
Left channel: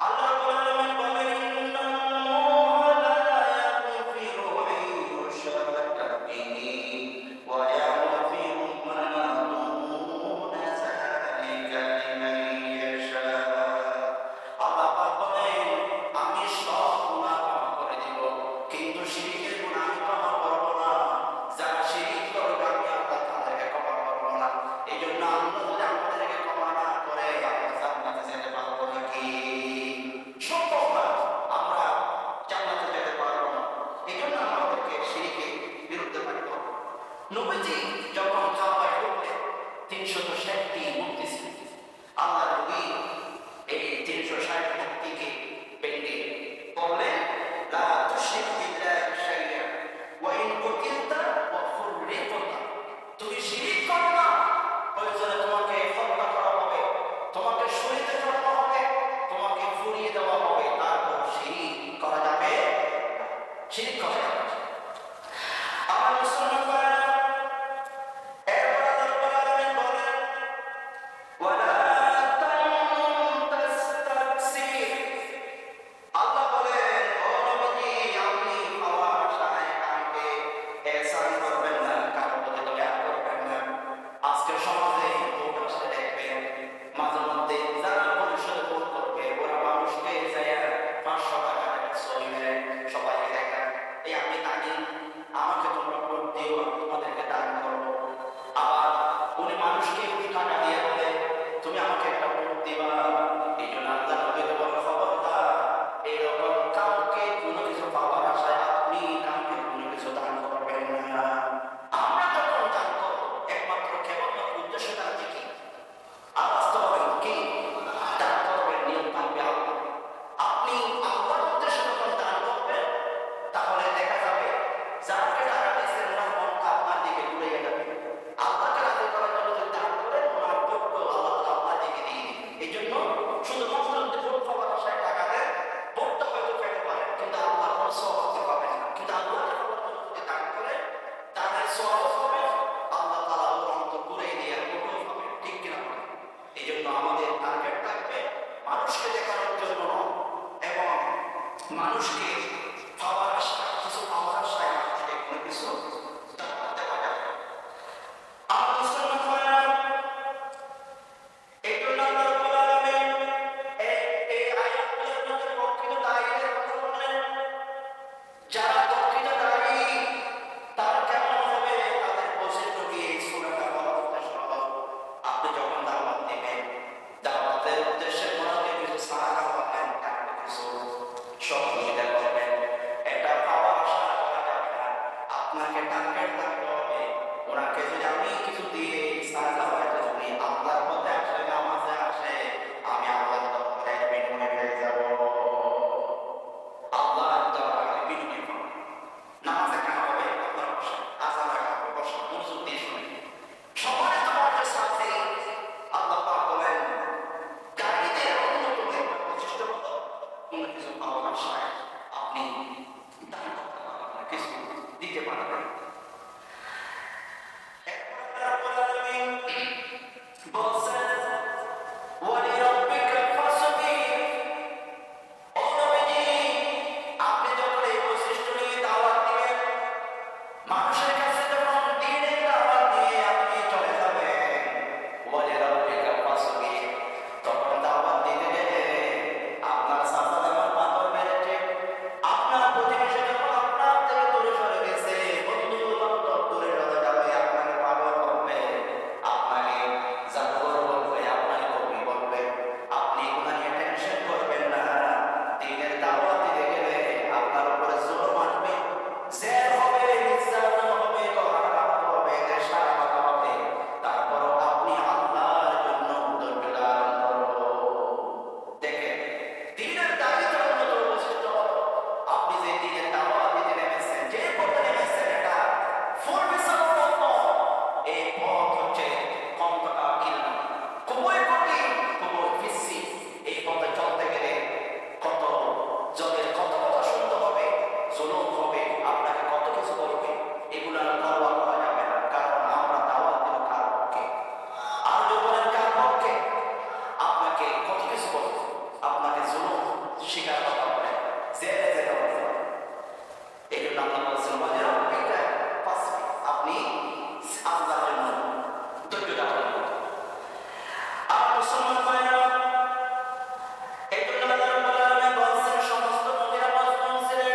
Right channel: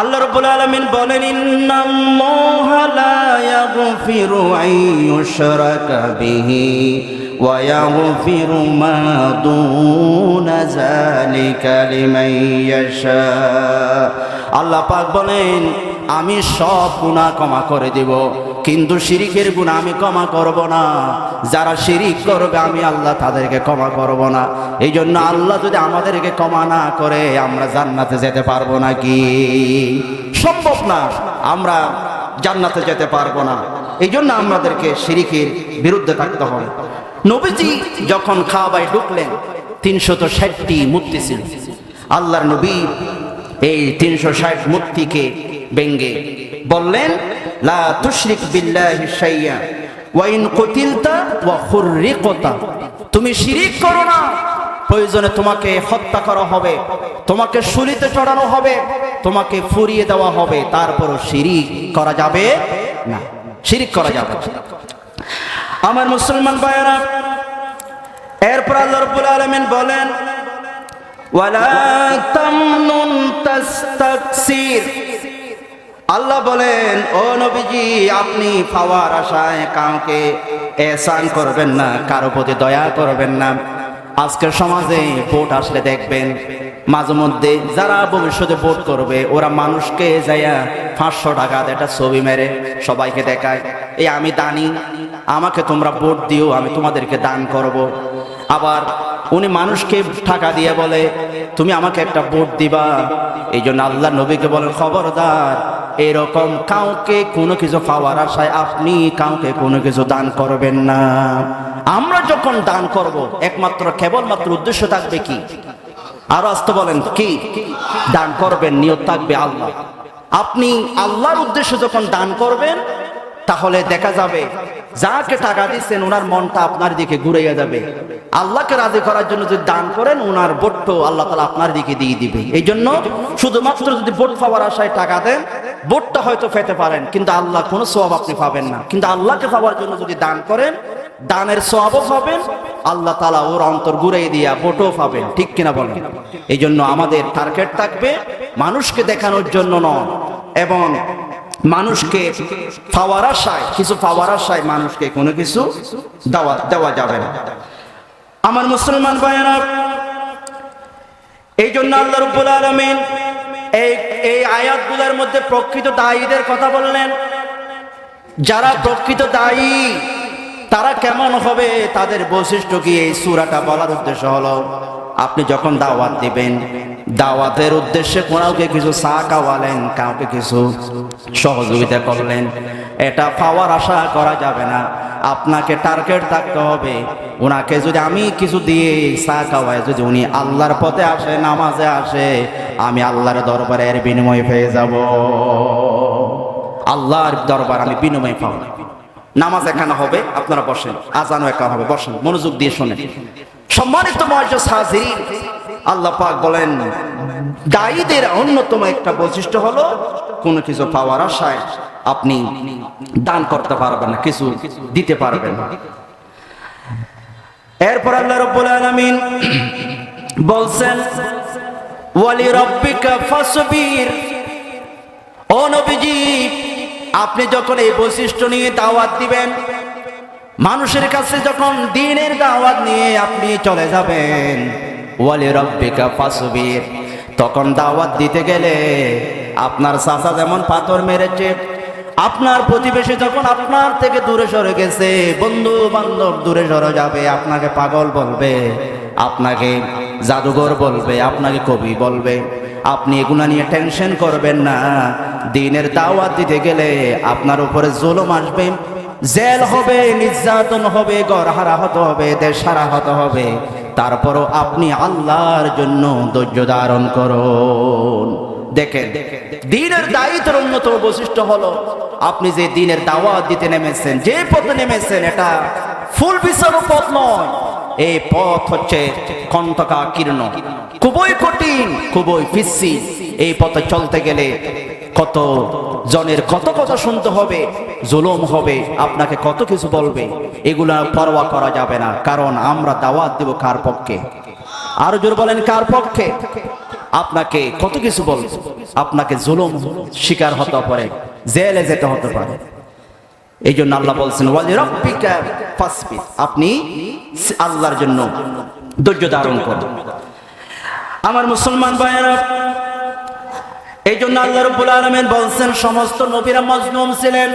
আল্লাহ রাব্বুল আলামিন বলেন ইন্নাল্লাহা লা ইয়াগফিরু আন ইউশরাকা বিহি ওয়া ইয়াগফিরু মা দুনা যালিকা লিমান ইয়াশা। আল্লাহ পাক বলেন আমি সব গুনাহ ক্ষমা করে দেব, কিন্তু শিরিকের গুনাহ আমি ক্ষমা করব না। যারা শিরিক করবে আমি আল্লাহ তাদেরকে ক্ষমা করব না। এই জন্য আল্লাহ যদি আমাদেরকে ক্ষমা না করে আমরা জান্নাতে যেতে পারবো নাকি? সম্ভব না, আমরা জান্নাতে যেতে পারবো না। এই জন্য আমাদেরকে শিরিকের বিরুদ্ধে থাকতে হবে। নবীজি যখন কাবায় ঢুকলেন 360টি মূর্তি ছিল। আল্লাহর নবী এই 360 মূর্তিকে ভেঙ্গে বললেন, লা তুশরিক বিল্লাহি শাইয়্যা ওয়া ইন কুতিলতা ওয়া খুররিকতা। তুমি শিরিক করো না, প্রয়োজনে তোমাকে হত্যা করা হবে, তোমাকে শূলিতে চড়ানো হবে, তোমাকে ফুরিয়ে দেওয়া হবে, তারপরও শিরিক করা যাবে না, শিরিক করা যাবে। আমার মুসলমান ভাইয়েরা, এরপর আল্লাহ রাব্বুল আলামিন বলেন, ওয়ালা তামনুন তাস্তাকসির। আল্লাহ বলেন, ও নবীজি, আপনি পাওয়ার আশায় কাউকে এহসান করবেন না, কারো প্রতি দয়া করবেন না। আজকের সমাজে ভোট আসলে দেখবেন মাঝে মধ্যে যারা ভবিষ্যতে ভোট করবে ওরা মানুষকে যাইয়া 500 টাকা একটা ছবি মেরে সবাইকে দেখায়, এই আমি দানি, আমাকে তোমরা ভোট দিও, আমি তোমাদেরকে দান করব। আবার উনি মানুষকে টাকা দিয়ে বলে তুমি আমাকে একটা ভোট দিবা। এই জন্য আল্লাহ নবীকে বলেন, খবরদার, এরকম কাউকে কোনো কিছু পাওয়ার আশায় আপনি কাউকে কোনো কিছু দান করবেন না। আমরা যখন দান করব একমাত্র কেবলমাত্র উদ্দেশ্য থাকবে কি? আরো আসতে বলেন কি? দান করবেন, নিয়ত থাকবে আল্লাহ। আপনি আল্লাহর উদ্দেশ্যে যখন দান করবেন তাহলে দেখা যাবে যাকে টাকা দিচ্ছেন ওনার মনটা আপনার দিকে ঘুরাইয়া যাবে। আল্লাহকে রাজি করার জন্য যদি দান করেন ওনার ভোট আল্লাহ তাআলা আপনার দিকে দিয়ে দিবে। এই জন্য শুধুমাত্র যদি ভোট পাওয়ার আশায় টাকা দেন, ভোটটা হয়তো পেতে পারেন কিন্তু আল্লাহ কোনো সওয়াব আপনি পাবেন না। কিন্তু আল্লাহকে পাওয়ার জন্য যদি দান করেন, দানের সওয়াবও পাবেন, আল্লাহ তাআলা ওর অন্তর ঘুরাই দিয়া ভোটও পাবেন। ঠিক কিনা বলেন? এই জন্য আমাদের টার্গেট থাকবে মানুষকে দেখানোর জন্য নয়, এবং মানুষকে পাওয়ার আশায়, কিছু পাওয়ার আশায় মানুষকে কোনো কিছু দেওয়া যাবে না। আমার মুসলমান ভাইয়েরা, এই জন্য আল্লাহ রাব্বুল আলামিন এই আয়াতগুলোর মধ্যে প্রকৃত দায়ীদের কথা বললেন। যারা প্রকৃত দায়ী তারা কেমন হবে, তাদের বৈশিষ্ট্য কি, এই সূরাটা বলার উদ্দেশ্য হলো আপনি যখন দাওয়াত দিবেন, দাওয়াতের উদ্দেশ্যে কাউকে কিছু চা খাওয়ালেন, কাউকে কিছু সহযোগিতা করলেন, এটা পাওয়ার আশা করা যাবে না। আপনাকে টার্গেট থাকতে হবে, ওনাকে যদি আমি কিছু দিয়ে চা খাওয়াই, যদি উনি আল্লাহর পথে আসে, নামাজে আসে, আমি আল্লাহর দরবারে এর বিনিময় পেয়ে যাব। আল্লাহর দরবার আমি বিনিময় পাবো। নামাজ এখানে হবে, আপনারা বসেন, আজানও একা হবে, বসেন, মনোযোগ দিয়ে শোনেন। সম্মানিত মুআজ্জিজ হাজিরিন, আল্লাহ পাক বলেন দায়ীদের অন্যতম একটা বৈশিষ্ট্য হলো কোনো কিছু পাওয়ার আশায় আপনি দান করতে পারবেন না, কিছু দিতে পারবেন না। এরপর আল্লাহ রাব্বুল আলামিন বলছেন, ওয়ালি রাব্বিকা ফাসবির। ও নবীজি, আপনি যখন এই বৈশিষ্ট্য নিয়ে দাওয়াত দিবেন, মানুষের কাছে যখন দ্বীনের দাওয়াত নিয়ে আপনি চলে যাবেন, ওয়ালি রাব্বিকা ফাসবির, তখন দাওয়াত দিতে গেলে আপনার চাচা যেমন পাথর মেরেছে, আপনার প্রতিবেশী যখন আপনার থেকে দূরে সরে গেছে, বন্ধু বান্ধব দূরে সরে যাবে, আপনাকে পাগল বলবে, আপনাকে জাদুঘর বলবে, আপনাকে কবি বলবে, আপনি এগুলা নিয়ে টেনশন করবেন না। দ্বীনের দাওয়াত দিতে গেলে আপনার উপরে জুলুম আসবে, জেল হবে, নির্যাতন হবে, ঘর হারা হতে হবে, দেশ হারা হতে হবে, তারপরও আপনি আল্লাহর জন্য ধৈর্য ধারণ করুন। দেখেন, দ্বীনের দায়িত্বের অন্যতম বৈশিষ্ট্য হলো আপনি যে দ্বীনের দাওয়াত দিতে নেমেছেন, যে পথে নেমেছেন, এটা ফুল বিচার পথ নয়। এই পথ হচ্ছে কণ্টকাকীর্ণ, খুবই কঠিন, খুবই পিচ্ছি। এই পথে চলতে গেলে কত জনের কত কথা শুনতে হবে, জুলুম হবে, আপনাকে কত কিছু বলবে, এগুলা পরোয়া করা যাবে না। কারণ আমরা দাওয়াত দেব কার পক্ষে? আরো জোর বলেন, কার পক্ষে? আপনাকে কত কিছু বলবে, আপনাকে জুলুম শিকার হতে পারে, জেলে যেতে হতে পারে। এই জন্য আল্লাহ বলছেন, ওয়ালি রাব্বিকা ফাসবির, আপনি আল্লাহর জন্য ধৈর্য ধারণ করুন। আমার মুসলমান ভাইয়েরা, এই জন্য আল্লাহ রাব্বুল আলামিন বলছেন সমস্ত নবীরা মজলুম ছিলেন,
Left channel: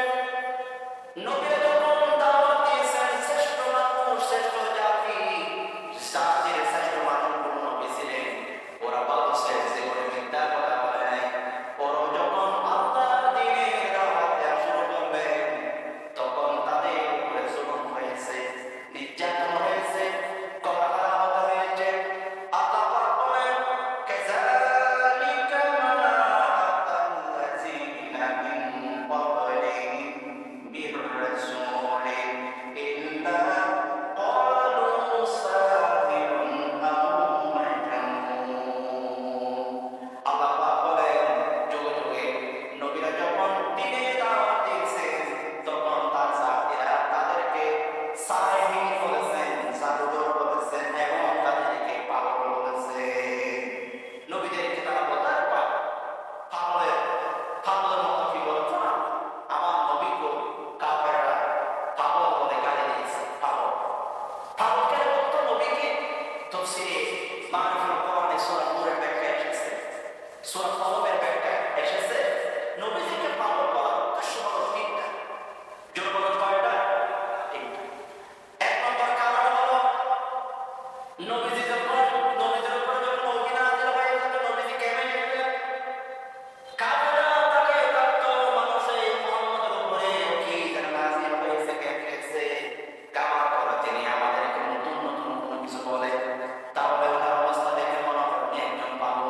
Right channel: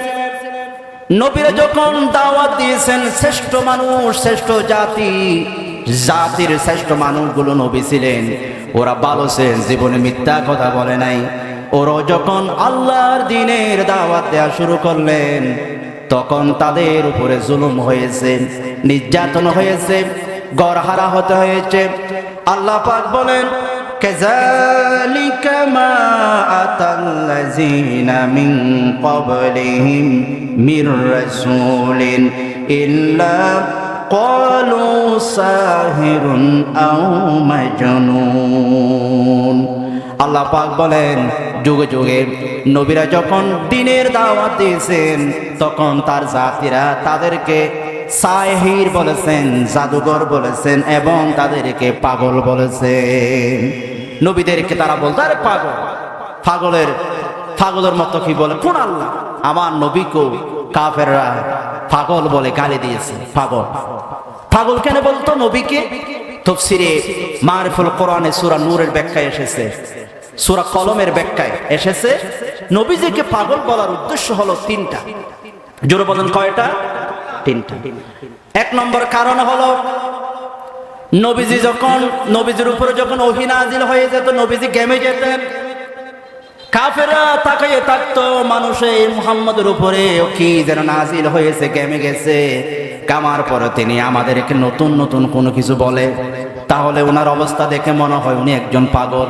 নবীরা যখন দাওয়াত দিয়েছেন, শ্রেষ্ঠ মানুষ, শ্রেষ্ঠ জাতি, জাতির শ্রেষ্ঠ মানুষগুলো নবী ছিলেন, ওরা ভালো ছিলেন, জীবনে মিথ্যা কথা বলে নাই। ওরা যখন আল্লাহর দ্বীনের দাওয়াত দেওয়া শুরু করলেন, তখন তাদের উপরে জুলুম হয়েছে, নির্যাতন হয়েছে, গড়হারা হতে হয়েছে। আল্লাহ পাক বলেন, কাযালিকা মা আতাল্লাযীনা মিন ক্বাবলিহিম মির রাসূলিন ইল্লা ক্বালু সাহিরুন আও মাজনুন। আল্লাহ পাক বলেন, যুগে যুগে নবীরা যখন দ্বীনের দাওয়াত দিয়েছেন, তখন তার জাতিরা তাদেরকে সাহির বলেছেন, জাদুঘর বলেছেন, এবং তাদেরকে পাগল বলেছেন। নবীদেরকে তারা বলতো, আরে পাগল, পাগলের মতো কি বলে, কোন আল্লাহ আমার নবীকে কাফেররা পাগল বলে গালি দিয়েছে। পাগল কেন বলতো নবীকে? তাফসীরে মারিফুল কোরআনে সূরা নূরের ব্যাখ্যায় এসেছে, সূরা কলমের ব্যাখ্যায় এসেছে, নবীজিকে পাগল বলার উদ্দেশ্য হলো তিনটা। জোরে বলেন, কয়টা? তিনটা। এক নম্বর কারণ হলো, নবীজির উপরে যখন ওহী নাযিল হয়ে যেত, নবীজি ঘেমে যেতেন। কাফেররা তাকিয়ে থাকতো, মানুষে মুহাম্মদের উপরে কি যেন নাযিল হয়েছে, ঘেমে গেছে। কামার পরে তিনি আমাদেরকে নতুন নতুন কোনো কিছু বলে, তাহলে ওনার অবস্থা দেখে মনে হয় উনি একজন পাগল।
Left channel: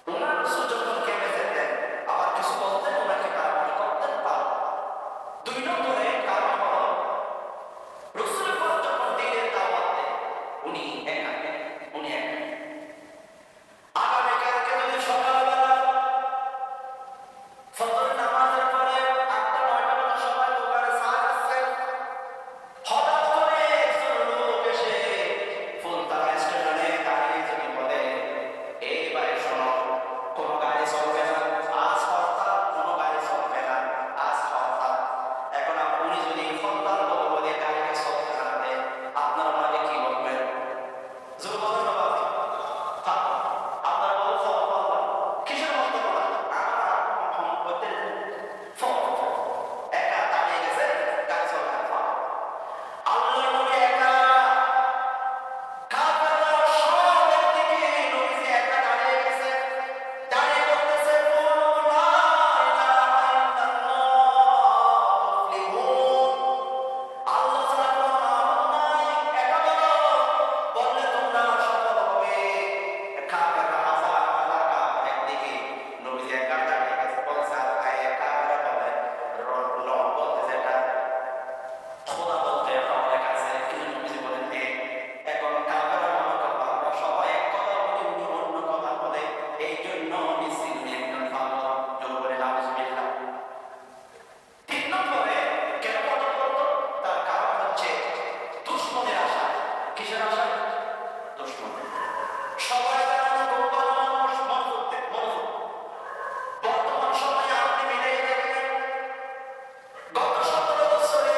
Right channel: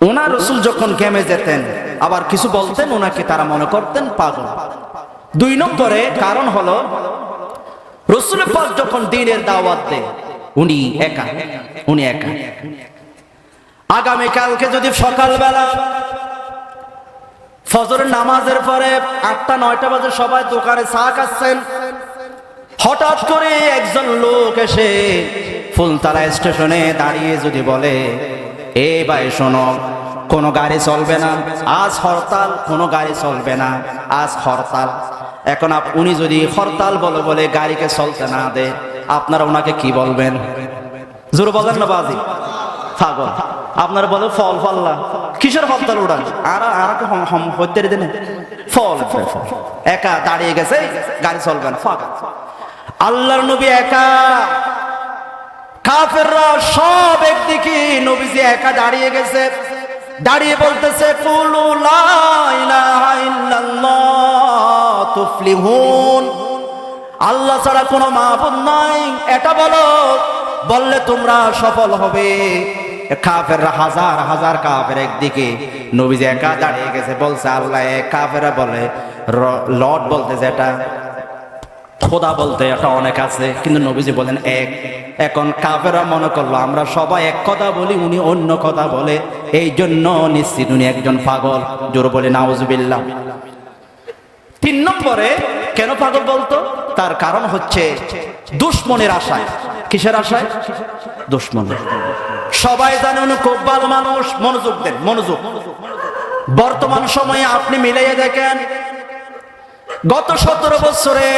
ওনার রাসূল যখন ঘেমে যেতেন, আবার কিছু বলতেন, ওনাকে তারা মনে করতেন পাগল। দুই নম্বরে কারণ হলো, রাসূল পাক যখন দ্বীনের দাওয়াত দেন, উনি একা। আগামীকালকে যদি সকালবেলা ফজরের নামাজের পরে 8টা-9টা বাজে সবাই দোকানে চা খাচ্ছেন, হঠাৎ করে একজন লোক এসে ফুলতলা স্টেশনে দাঁড়িয়ে যদি বলে, এ ভাই শোনো, কোনো গাড়ি চলবে না, আজ হরতাল, কোনো গাড়ি চলবে না, আজ হরতাল। এখন উনি যদি হরতাল বলে গাড়িকে চলতে না দেয়, আপনারা ওনাকে কি বলবেন? জোর বলেন না বাজি, পাগল। আপনারা বলে ফল ফাল্লা, কিসের হরতাল উড়ান? আর হত্যা দেন, ফল একা দাঁড়িয়ে গেছে, গাড়ি চলবে না, পাগল। আল্লাহর নবী একা, কাফেররা সব একদিকে, নবীজি একা দাঁড়িয়ে গেছে, দাঁড়িয়ে বলতেছে, কুলু লা ইলাহা ইল্লাল্লাহ তুফলিহুন, আল্লাহ ছাড়া কোনো মাবুদ নাই, এটা বলো, বললে তোমরা সফল হবে। কাফেররা হাজার হাজার কাফের একদিকে, নবীজি একা দাঁড়িয়ে গেছে, বলছে আল্লাহ এক। কাফেররা বলে লর্ড বলতে যেটা, খোদা বলতে এটা অনেক আছে, কিন্তু নবীজি বলেন এক। এখন কাফেররা মনে করলো আমরা সবাই এক কথা বলি, উনি অন্য কথা বলে, এই জন্য নিশ্চিত উনি একজন পাগল। জোর বলে নাউজুবিল্লাহ। 3 নম্বরে কেন পাগল বলতো? তার কারণ হচ্ছে দুশমনের আশায়। কিসের আশায়? দুশমনের। সবাই জানে উনি খুব ভালো মানুষ। মনোযোগ দেন, মনোযোগ। বর্তমান সময়ে আপনি মিলিয়ে দেখেন, গত 17 বছরে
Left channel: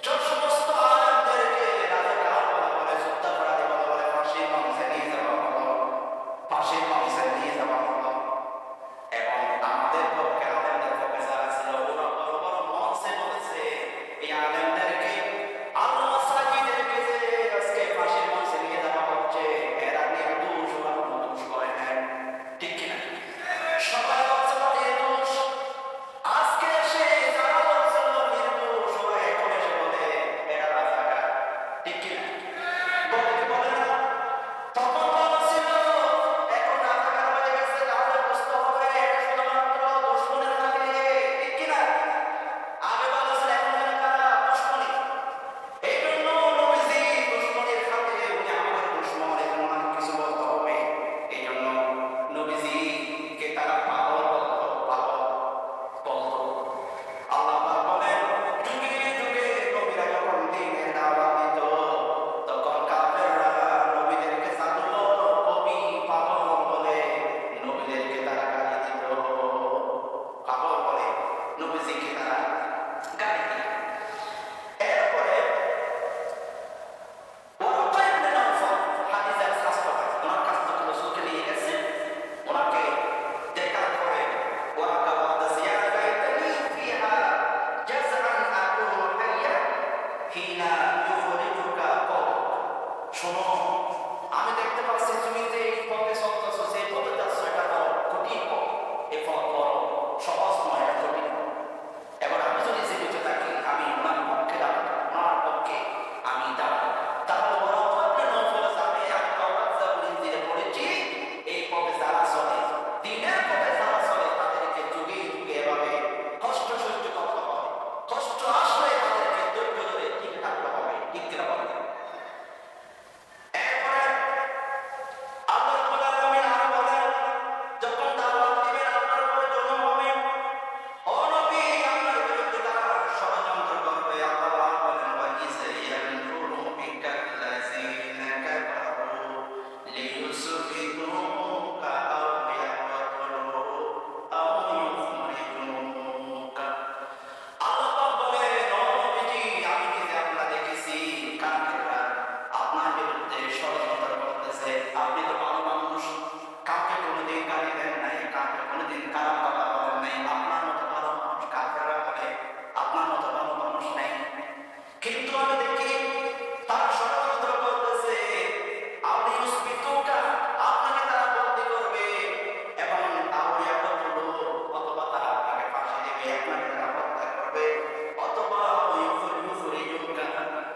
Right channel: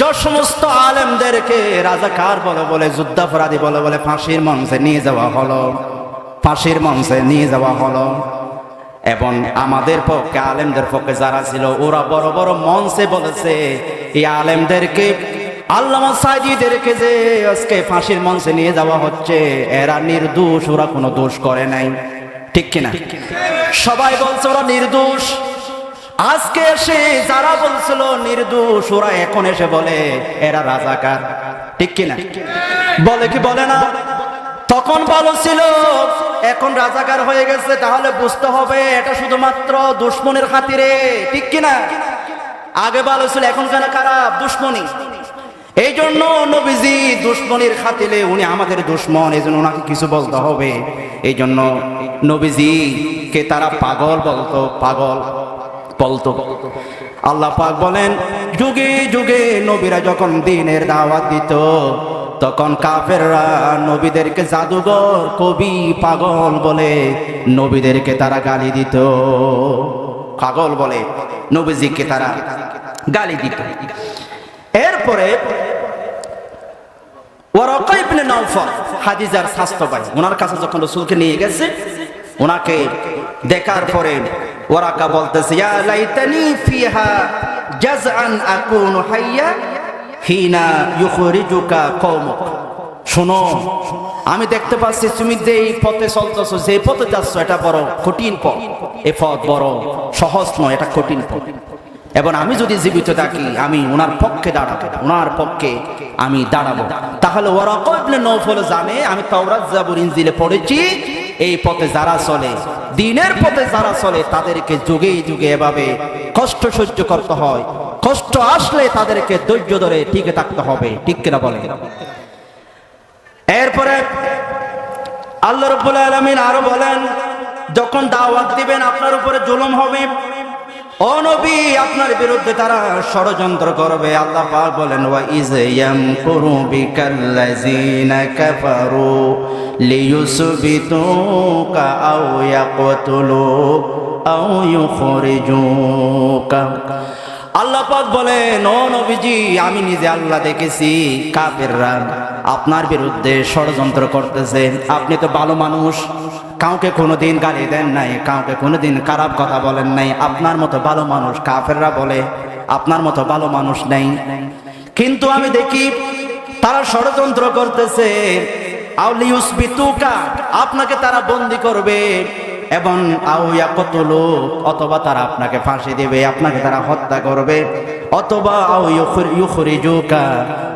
যে সমস্ত আলেমদেরকে রাজাকার বলে যুদ্ধাপরাধী বলে ফাঁসির মঞ্চে নিয়ে যাওয়া হলো, এবং আমাদের পক্ষে, আলেমদের পক্ষে যারা ছিল, ওরা বড় বড় মঞ্চে বলেছে এই আলেমদেরকে, আল্লামা সাঈদীদেরকে যে আজকে ফাঁসির মঞ্চে নিয়ে যাওয়া হচ্ছে, এরা নির্দোষ, ওরা কোনো দোষ করে নাই। ঠিক কিনা? সবাই বলছে ওরা নির্দোষ। আজকে এসে যারা বলছিল নির্দোষ, ওরা এখন এসে বলে এরা রাজাকার। ঠিক কিনা? বলে কি বলে না? তখন ভালো ছিল, এখন রাজাকার হয়ে গেছে, তাহলে বুঝতে হবে এটা শুধুমাত্র দুশমনের খাতিরে। ঠিক কিনা? আগে ভালো ছিল, এখন কেন খারাপ? দুশমনি। এই জন্য নবীজি দুশমনির খাতিরে, উনি আমাদের দুশমন, এই জন্য ওনাকে কিছু বলতে হবে। এই জন্য নবীজিকে তারা পাগল বলতো, পাগল বলতো। আল্লাহ পাক বলেন, যুগে যুগে নবীরা যখন দ্বীনের দাওয়াত দিত, তখন কাফেররা নবীদেরকে জাদুঘর, কবি, পাগল বলে নবীদেরকে তারা গালি দিত। পাগল বলে নবীজিকে তারা গালি দিত। এরপরে ওয়ারাকা ইবনে নাওফাল, হাদিজার স্বাস্থ্য ভাই, ওনার কাছে যখন রাসূলকে নিয়ে গেছে, ওনাকে দেখার পরে ওয়ারাকা বলতেছে ইয়া লাইতানি ফিহা জাযআন আকুনু হাইয়া হিনা ইউখরিজুকা কওমুক। শোনো, আমি দেখতে পাচ্ছি তুমি যে এই পথে চলতেছো, যে পথে যাচ্ছ, এটা বড় কঠিন পথ। এ পথ বড় সহজ নয়, এটা কঠিন পথ। এবং আমি যদি জীবিত থাকি, আমি ওনার পক্ষে দাঁড়াবো, ওনার পক্ষে আমি দাঁড়াবো। তাহলে ওয়ারাকা ইবনে নওফল জানে, আমি তাওরাত জাবুর ইনজিলে পড়েছি, এই পথে যারা চলে, দ্বীনের পথে যারা চলে, তাদেরকে যুগে যুগে এভাবে কষ্ট সহ্য করতে হয়। কষ্ট আসলে তাদেরকে ধৈর্য ধরে টিকে থাকতে হবে। ঠিক কিনা বলেন? এরপরে আল্লাহ রাব্বুল আলামিন আরো বলেন, যখন দাওয়াত দিবেন আপনার উপরে জুলুম হবে, ও নবী আপনার বিরুদ্ধে তারা ষড়যন্ত্র করবে। আল্লাহ পাক বলেন ওয়া ইয ইয়ামকুরু বিকাল্লাযিনা কাফারু লিয়ুসবিতুকা আও ইয়াকতুলুক আও ইউখরিজুকা। আল্লাহ পাক বলেন, ও নবীজি আমি নিজে আল্লাহ দেখেছি কাফেররা আপনার বিরুদ্ধে ষড়যন্ত্র করতেছে। আপনি তো ভালো মানুষ, কাউকে কোনোদিন গালি দেন নাই, কাউকে কোনোদিন খারাপ কথা বলেন নাই। আপনার মতো ভালো মানুষ কাফেররা বলে আপনার মতো ভালো মানুষ নেই। কিন্তু আমি দেখি তারা ষড়যন্ত্র করতেছে, আউলিউসবিতুকা আপনাকে তারা বন্দী করবে, এবং আও ইয়াকতুলুক অথবা তারা আপনাকে ফাঁসি দেবে, আপনাকে তারা হত্যা করবে, অথবা আও ইউখরিজুকা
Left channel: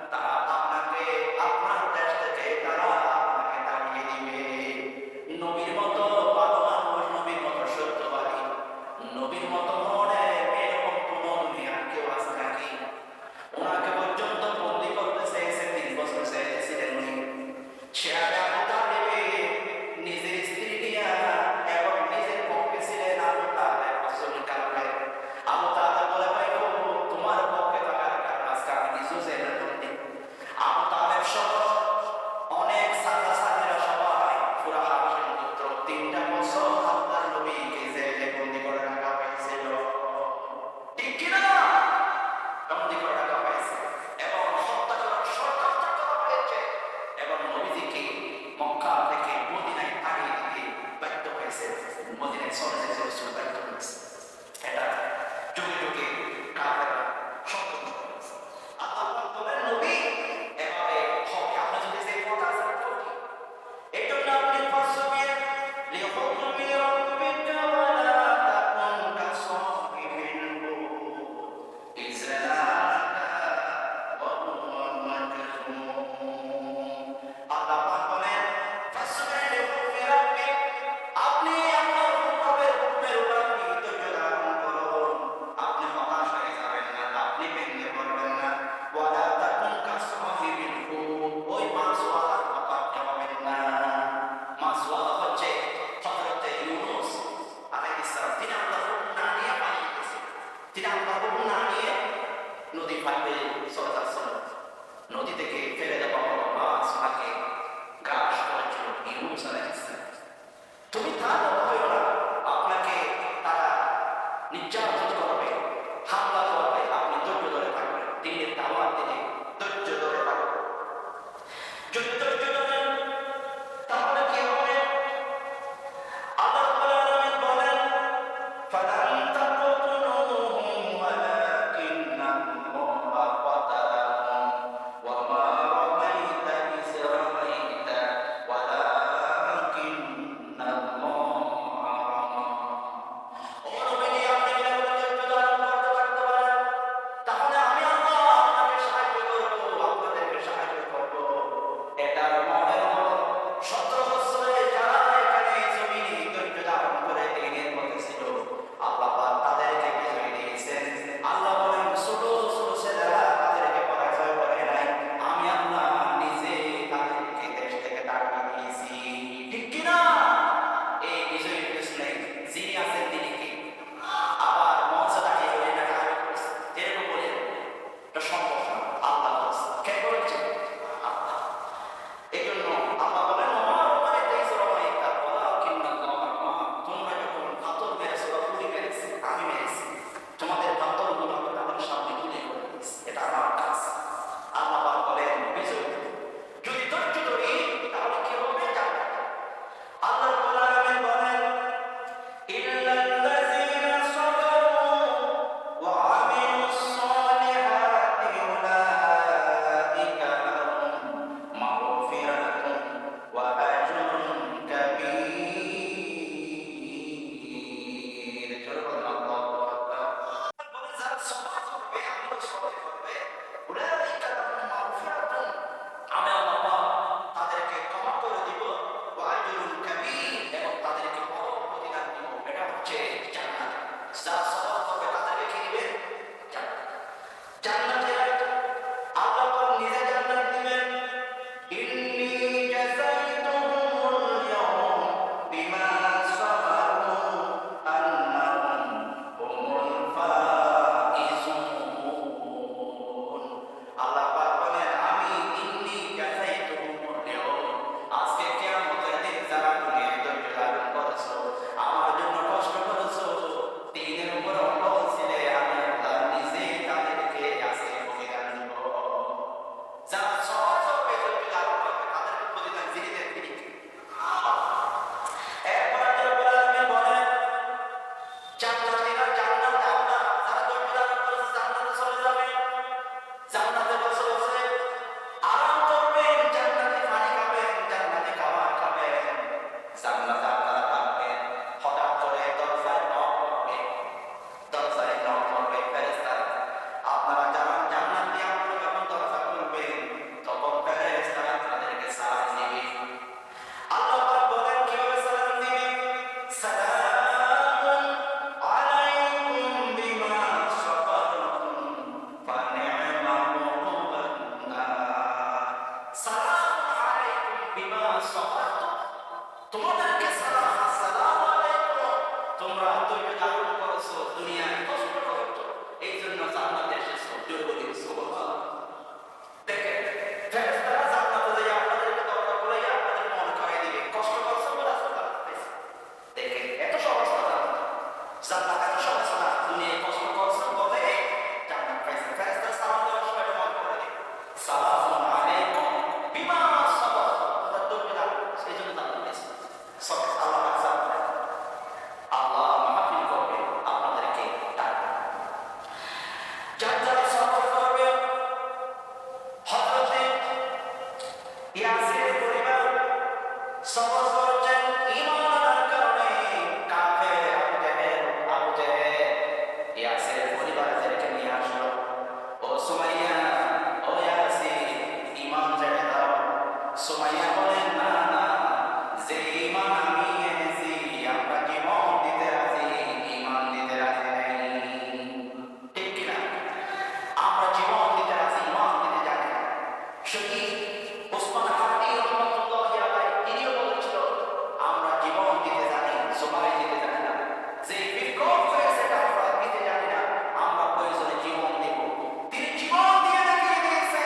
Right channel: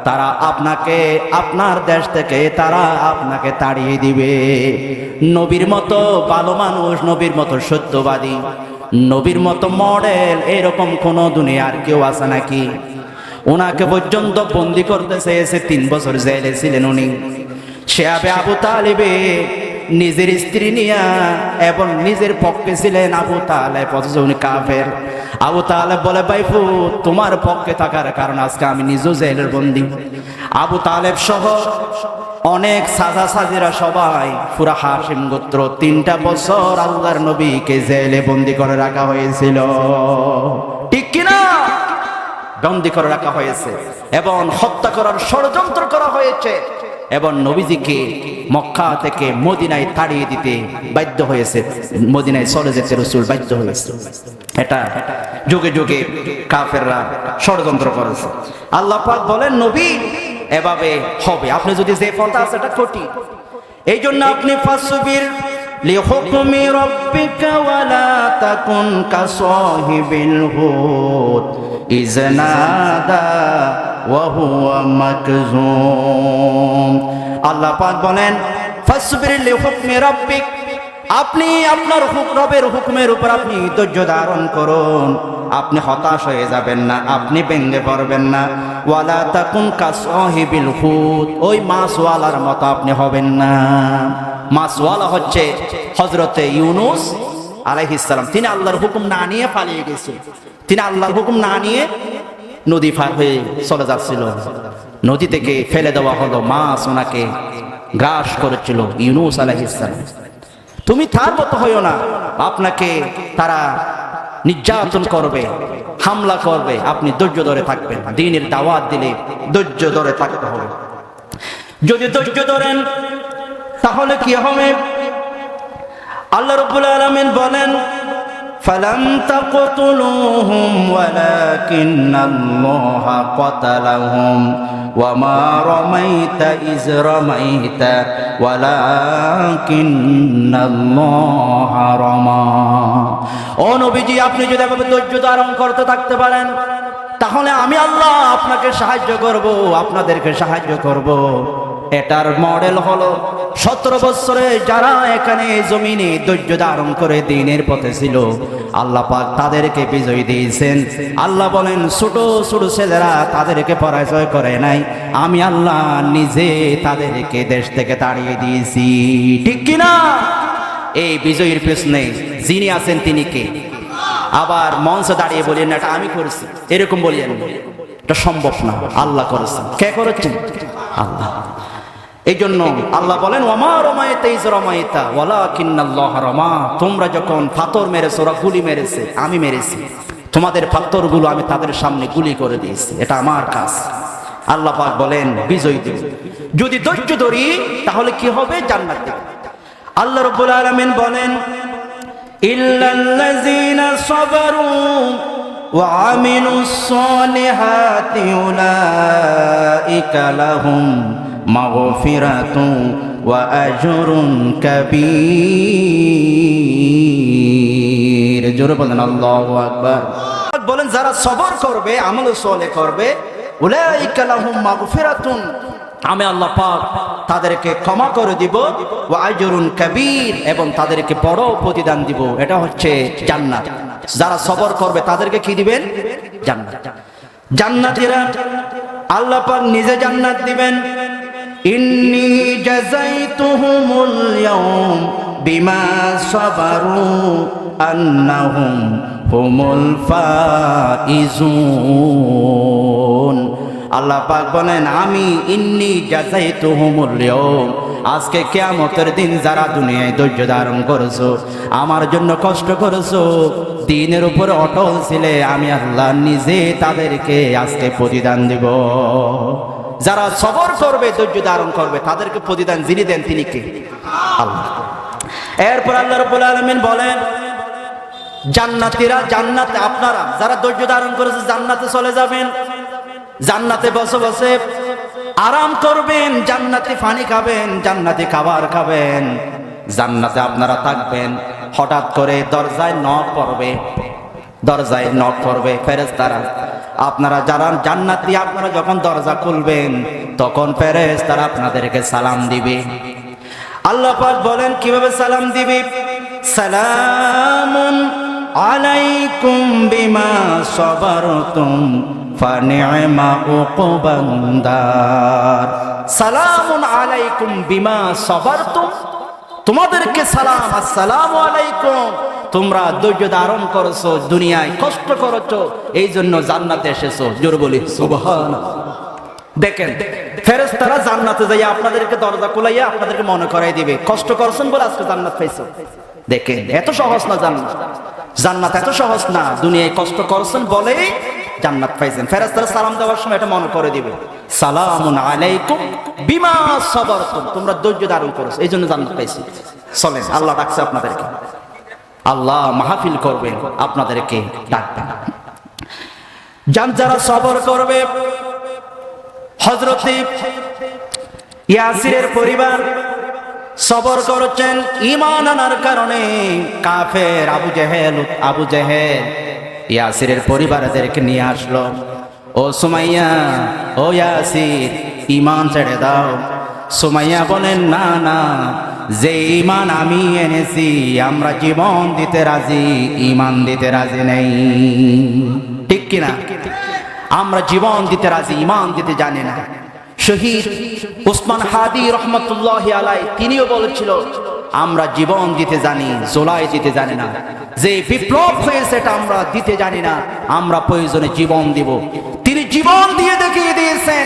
তারা আপনাকে আপনার দেশ থেকে তারা আপনাকে তাড়িয়ে দিবে। নবীর মতো ভালো মানুষ, নবীর মতো সত্যবাদী, নবীর মতো মডেল এরকম কোন দুনিয়ার কেউ আছে নাকি? ওনাকে পর্যন্ত বন্দী করতে চেয়েছে, 3 বছর জেলে ছিলেন উনি। শিহাবে আবু তালিবে নিজের স্ত্রী নিয়া এবং নিজের পক্ষে ছিলেন আবু তালেব, অথচ উনি কাফের। আবু তালেব বলে ভাইপু তোমার পক্ষে থাকার কারণ আজকে আমি নিজেও জেলের বন্দী। আবু তালেব সহ অনেক সাজা সাজিরা সবাই পুরা হাশিম গোত্র 3টা বছর আল্লাহর নবীকে জেলে বন্দী করে রাখা হয়েছিল। ঠিক কিনা? বন্দী করে রাখা হয়েছে এবং হত্যা করার ষড়যন্ত্র করা হয়েছে, এবং নবীজিকে মক্কা থেকে মদিনায় তাড়িয়ে দিতে বাধ্য হয়েছে, মদিনায় চলে যেতে রাসূল বাধ্য হয়েছে। এটা যুগে যুগে কাফেররা ষড়যন্ত্র করেছে। আল্লাহ পাক বলেন নবী এভাবে হবে, আপনি যদি যে পথ আছে এটা কঠিন। এই জন্য আপনি ফাসবির লিহুকমি রাব্বিকা ওয়ালা তাকুন কাসাহিবিল হুদ ইজনাদা ওয়া হুয়া মাকজুম। আল্লাহ পাক বলেন ফাসবির লিহুকমি রাব্বিক, আপনি আপনার রবের হুকুমের উপর আপনি ধৈর্য ধারণ করুন। আপনি হতাশ হয়ে যাবেন না, আপনি ভেঙে পড়বেন না। ওয়ালা তাকুন কাসাহিবিল হুদ, ওই মাছওয়ালার মতো আপনি হবেন না। মাছওয়ালা হচ্ছে হযরতে ইউনূস আলাইহিস সালাম। তিনি আল্লাহর হুকুম না নিয়ে পালিয়ে গেছেন, তিনি আল্লাহর হুকুম না নিয়ে নদী পার হয়ে চলে যাচ্ছিল। নদী থেকে ফেলে দেওয়া হলো, মাছ ওনাকে গ্রাস করেছিল। ইউনূস আলাইহিস সালাম তুমি তার মতো হইও না, আপনাকে তারা নির্যাতন করবে, হামলা করবে, আপনি ধৈর্য ধরে থাকবেন। দ্বীনের দাওয়াত দিলে ধৈর্য ধরে থাকতে হবে। যদি ধৈর্য ধরেন তাহলে কি হবে? আল্লাহ রাব্বুল আলামিন বলেন ফালাম তাকতুলুহুম ওয়ালাকিন্নাল্লাহা ক্বাতালাহুম ওয়ামা রামাইতা ইয রামাইতা ওয়ালাকিন্নাল্লাহা রামা। ও নবীজি আপনি যদি এভাবে ধৈর্য ধারণ করতে থাকতে পারেন, তাহলে আমি আল্লাহ আপনাকে সাহায্য করব, আপনাদেরকে সাহায্য করব। এটার মডেল হলো 17 বছরে যারা এখানে জমিনে ধৈর্য ধারণ করে দ্বীনের পথে ছিল, আল্লাহ পাক তাদেরকে বিজয় দিয়েছেন। আল্লাহ বলেন ছোট ছোট ছেলেরা তাদেরকে পরাজয় করে নাই, আমি আল্লাহ নিজে তাদেরকে দেশ থেকে তাড়িয়ে দিয়েছি। ঠিক কিনা? এই বিজয়ের পেছনে যিনি আছেন তিনি কে? আবার মঞ্চে দাঁড়িয়ে বলেন না এটা আমি করেছি, এরকম বলিয়েন, এটা সম্ভব না। আল্লাহ করেছেন। কে করেছেন? আল্লাহ। এই জন্য আল্লাহ বলেন ওয়ামা রামাইতা ইয রামাইতা ওয়ালাকিন্নাল্লাহা রামা। তোমরা যখন পাথর মেরেছো, ওরা গুলি মেরেছে, আমি মেরেছি। তোমাদের পাথরগুলো আমি তাদের সামনে গুলি করে দিয়েছি, এটা আমার কাজ। আল্লাহ পাক বলেন বিজয় দেব। যদি ধৈর্য ধরি তাহলে কি হবে? জান্নাত দেব। আল্লাহ রাব্বুল আলামিন বলেন ইল্লাল্লাযীনা صبروا وعملوا الصالحات أولئك لهم مغفرة وأجر كبير জোরে বলেন আল্লাহু আকবার বলেন যারা সবর করবে আমল সালেহ করবে উলাইকা লাহুম মাগফিরাতুন আমি আল্লাহ পাক তাদেরকে ক্ষমা করে দিব ওয়া আজরুন কাবীর এবং তাদেরকে বড় প্রতিদান দিব এটা হচ্ছে জান্নাত যারা সবর করবে তাদেরকে কি দিবেন জান্নাত জান্নাতীরা আল্লাহ পাক নিজে জান্নাত দিবেন ইন্নী জাযাইতুহুমুল ইয়াওম বিমা সাবারু আন্নাহুম হুমুল ফাইজুন আল্লাহ পাক বলেন আমি ইন্নী জাযাইতুহুমুল ইয়াওম আজকে কিয়ামতের দিন যারা দুনিয়ায় ধৈর্য ধারণ করেছো আমার জন্য কষ্ট করেছো দ্বীনের উপরে অটল ছিলে আমি আল্লাহ নিজে তাদেরকে আজকে প্রতিদান দিব যারা সবর করবে ধৈর্য ধারণ করবে তাদেরকে প্রতিদান যিনি দেন তিনি কে আল্লাহ এরপর আল্লাহ রাব্বুল আলামিন বলেন জান্নাতীরা জান্নাতে আপনারা যারা ধৈর্য ধারণ করেছে জান্নাতে চলে যাবেন জান্নাতে বসে বসে আরাম করবেন জান্নাতি পানি খাবেন জান্নাতি খাবার খাবেন জান্নাতে আপনারা থাকবেন হঠাৎ করে দরজায় নক পড়বে ফেরেশতারা আপনারা যারা জান্নাতি আপনারা যখন দরজা খুলবেন তখন ফেরেশতারা আপনাদেরকে সালাম দিবে আল্লাহ পাক বলেন কিভাবে সালাম দিবে সালামুন আলাইকুম বিমা সাবারতুম ফানি'মা উকবান্দার সালামুন আলাইকুম বিমা সাবারতুম তোমাদেরকে সালাম আসসালামু আলাইকুম তোমরা ধৈর্য ধারণ করেছো দুনিয়ায় কষ্ট করেছো এই জন্য জান্নাতে এসেছো জোরে বলি সুবহানাল্লাহ দেখেন ফেরেশতারা জান্নাতে যাইয়া আপনাদেরকে দরজা খুলাইয়া আপনাদেরকে মনে করাই দিবে কষ্ট করছেন বলে আজকে জান্নাত পাইছো দেখেন এত সহজ না জান্নাত এত সহজ না দুনিয়ায় কষ্ট করছেন বলে জান্নাত পাইছেন ফেরেশতারা সালাম দেওয়ার সময় এটা মনে করে দিবে সালামুন আলাইকুম বিমা সাবারতুম তোমরা ধৈর্য ধারণ করেছো এই জন্য জান্নাত পাইছো চলেন আল্লাহ ডাকছে আপনাদেরকে আল্লাহ মাহফিল করবেন আপনাদেরকে ডাকবেন যারা সবর করবে হযরত ইয়াসিরের পরিবার সবর করেছেন ঈমান আনার কারণে কাফের আবু জেহেল ইয়াসিরের পরিবারদেরকে নিয়ে আসলো ও সুমাইয়া ও ইয়াসির ঈমান ছেড়ে দাও সুমাইয়া বলেন না না যে ঈমান আমি এনেছি আমরা জীবন দিতে রাজি ঈমান দিতে রাজি নেই ঠিক কিনা আমরা জীবন দিতে রাজি ঈমান দিতে জানি না শহীদ ওসমান হাদি রহমতুল্লাহি আলাইহি তিনিও বলেছিল আমরা জীবন দিতে জানি জোলাই দিতে জানি না যে বিপ্লব হয়েছে এটা আমরা দিতে জানি না আমরা প্রয়োজনে জীবন দিব তিনি জীবন দিয়ে দেখিয়ে দিয়েছেন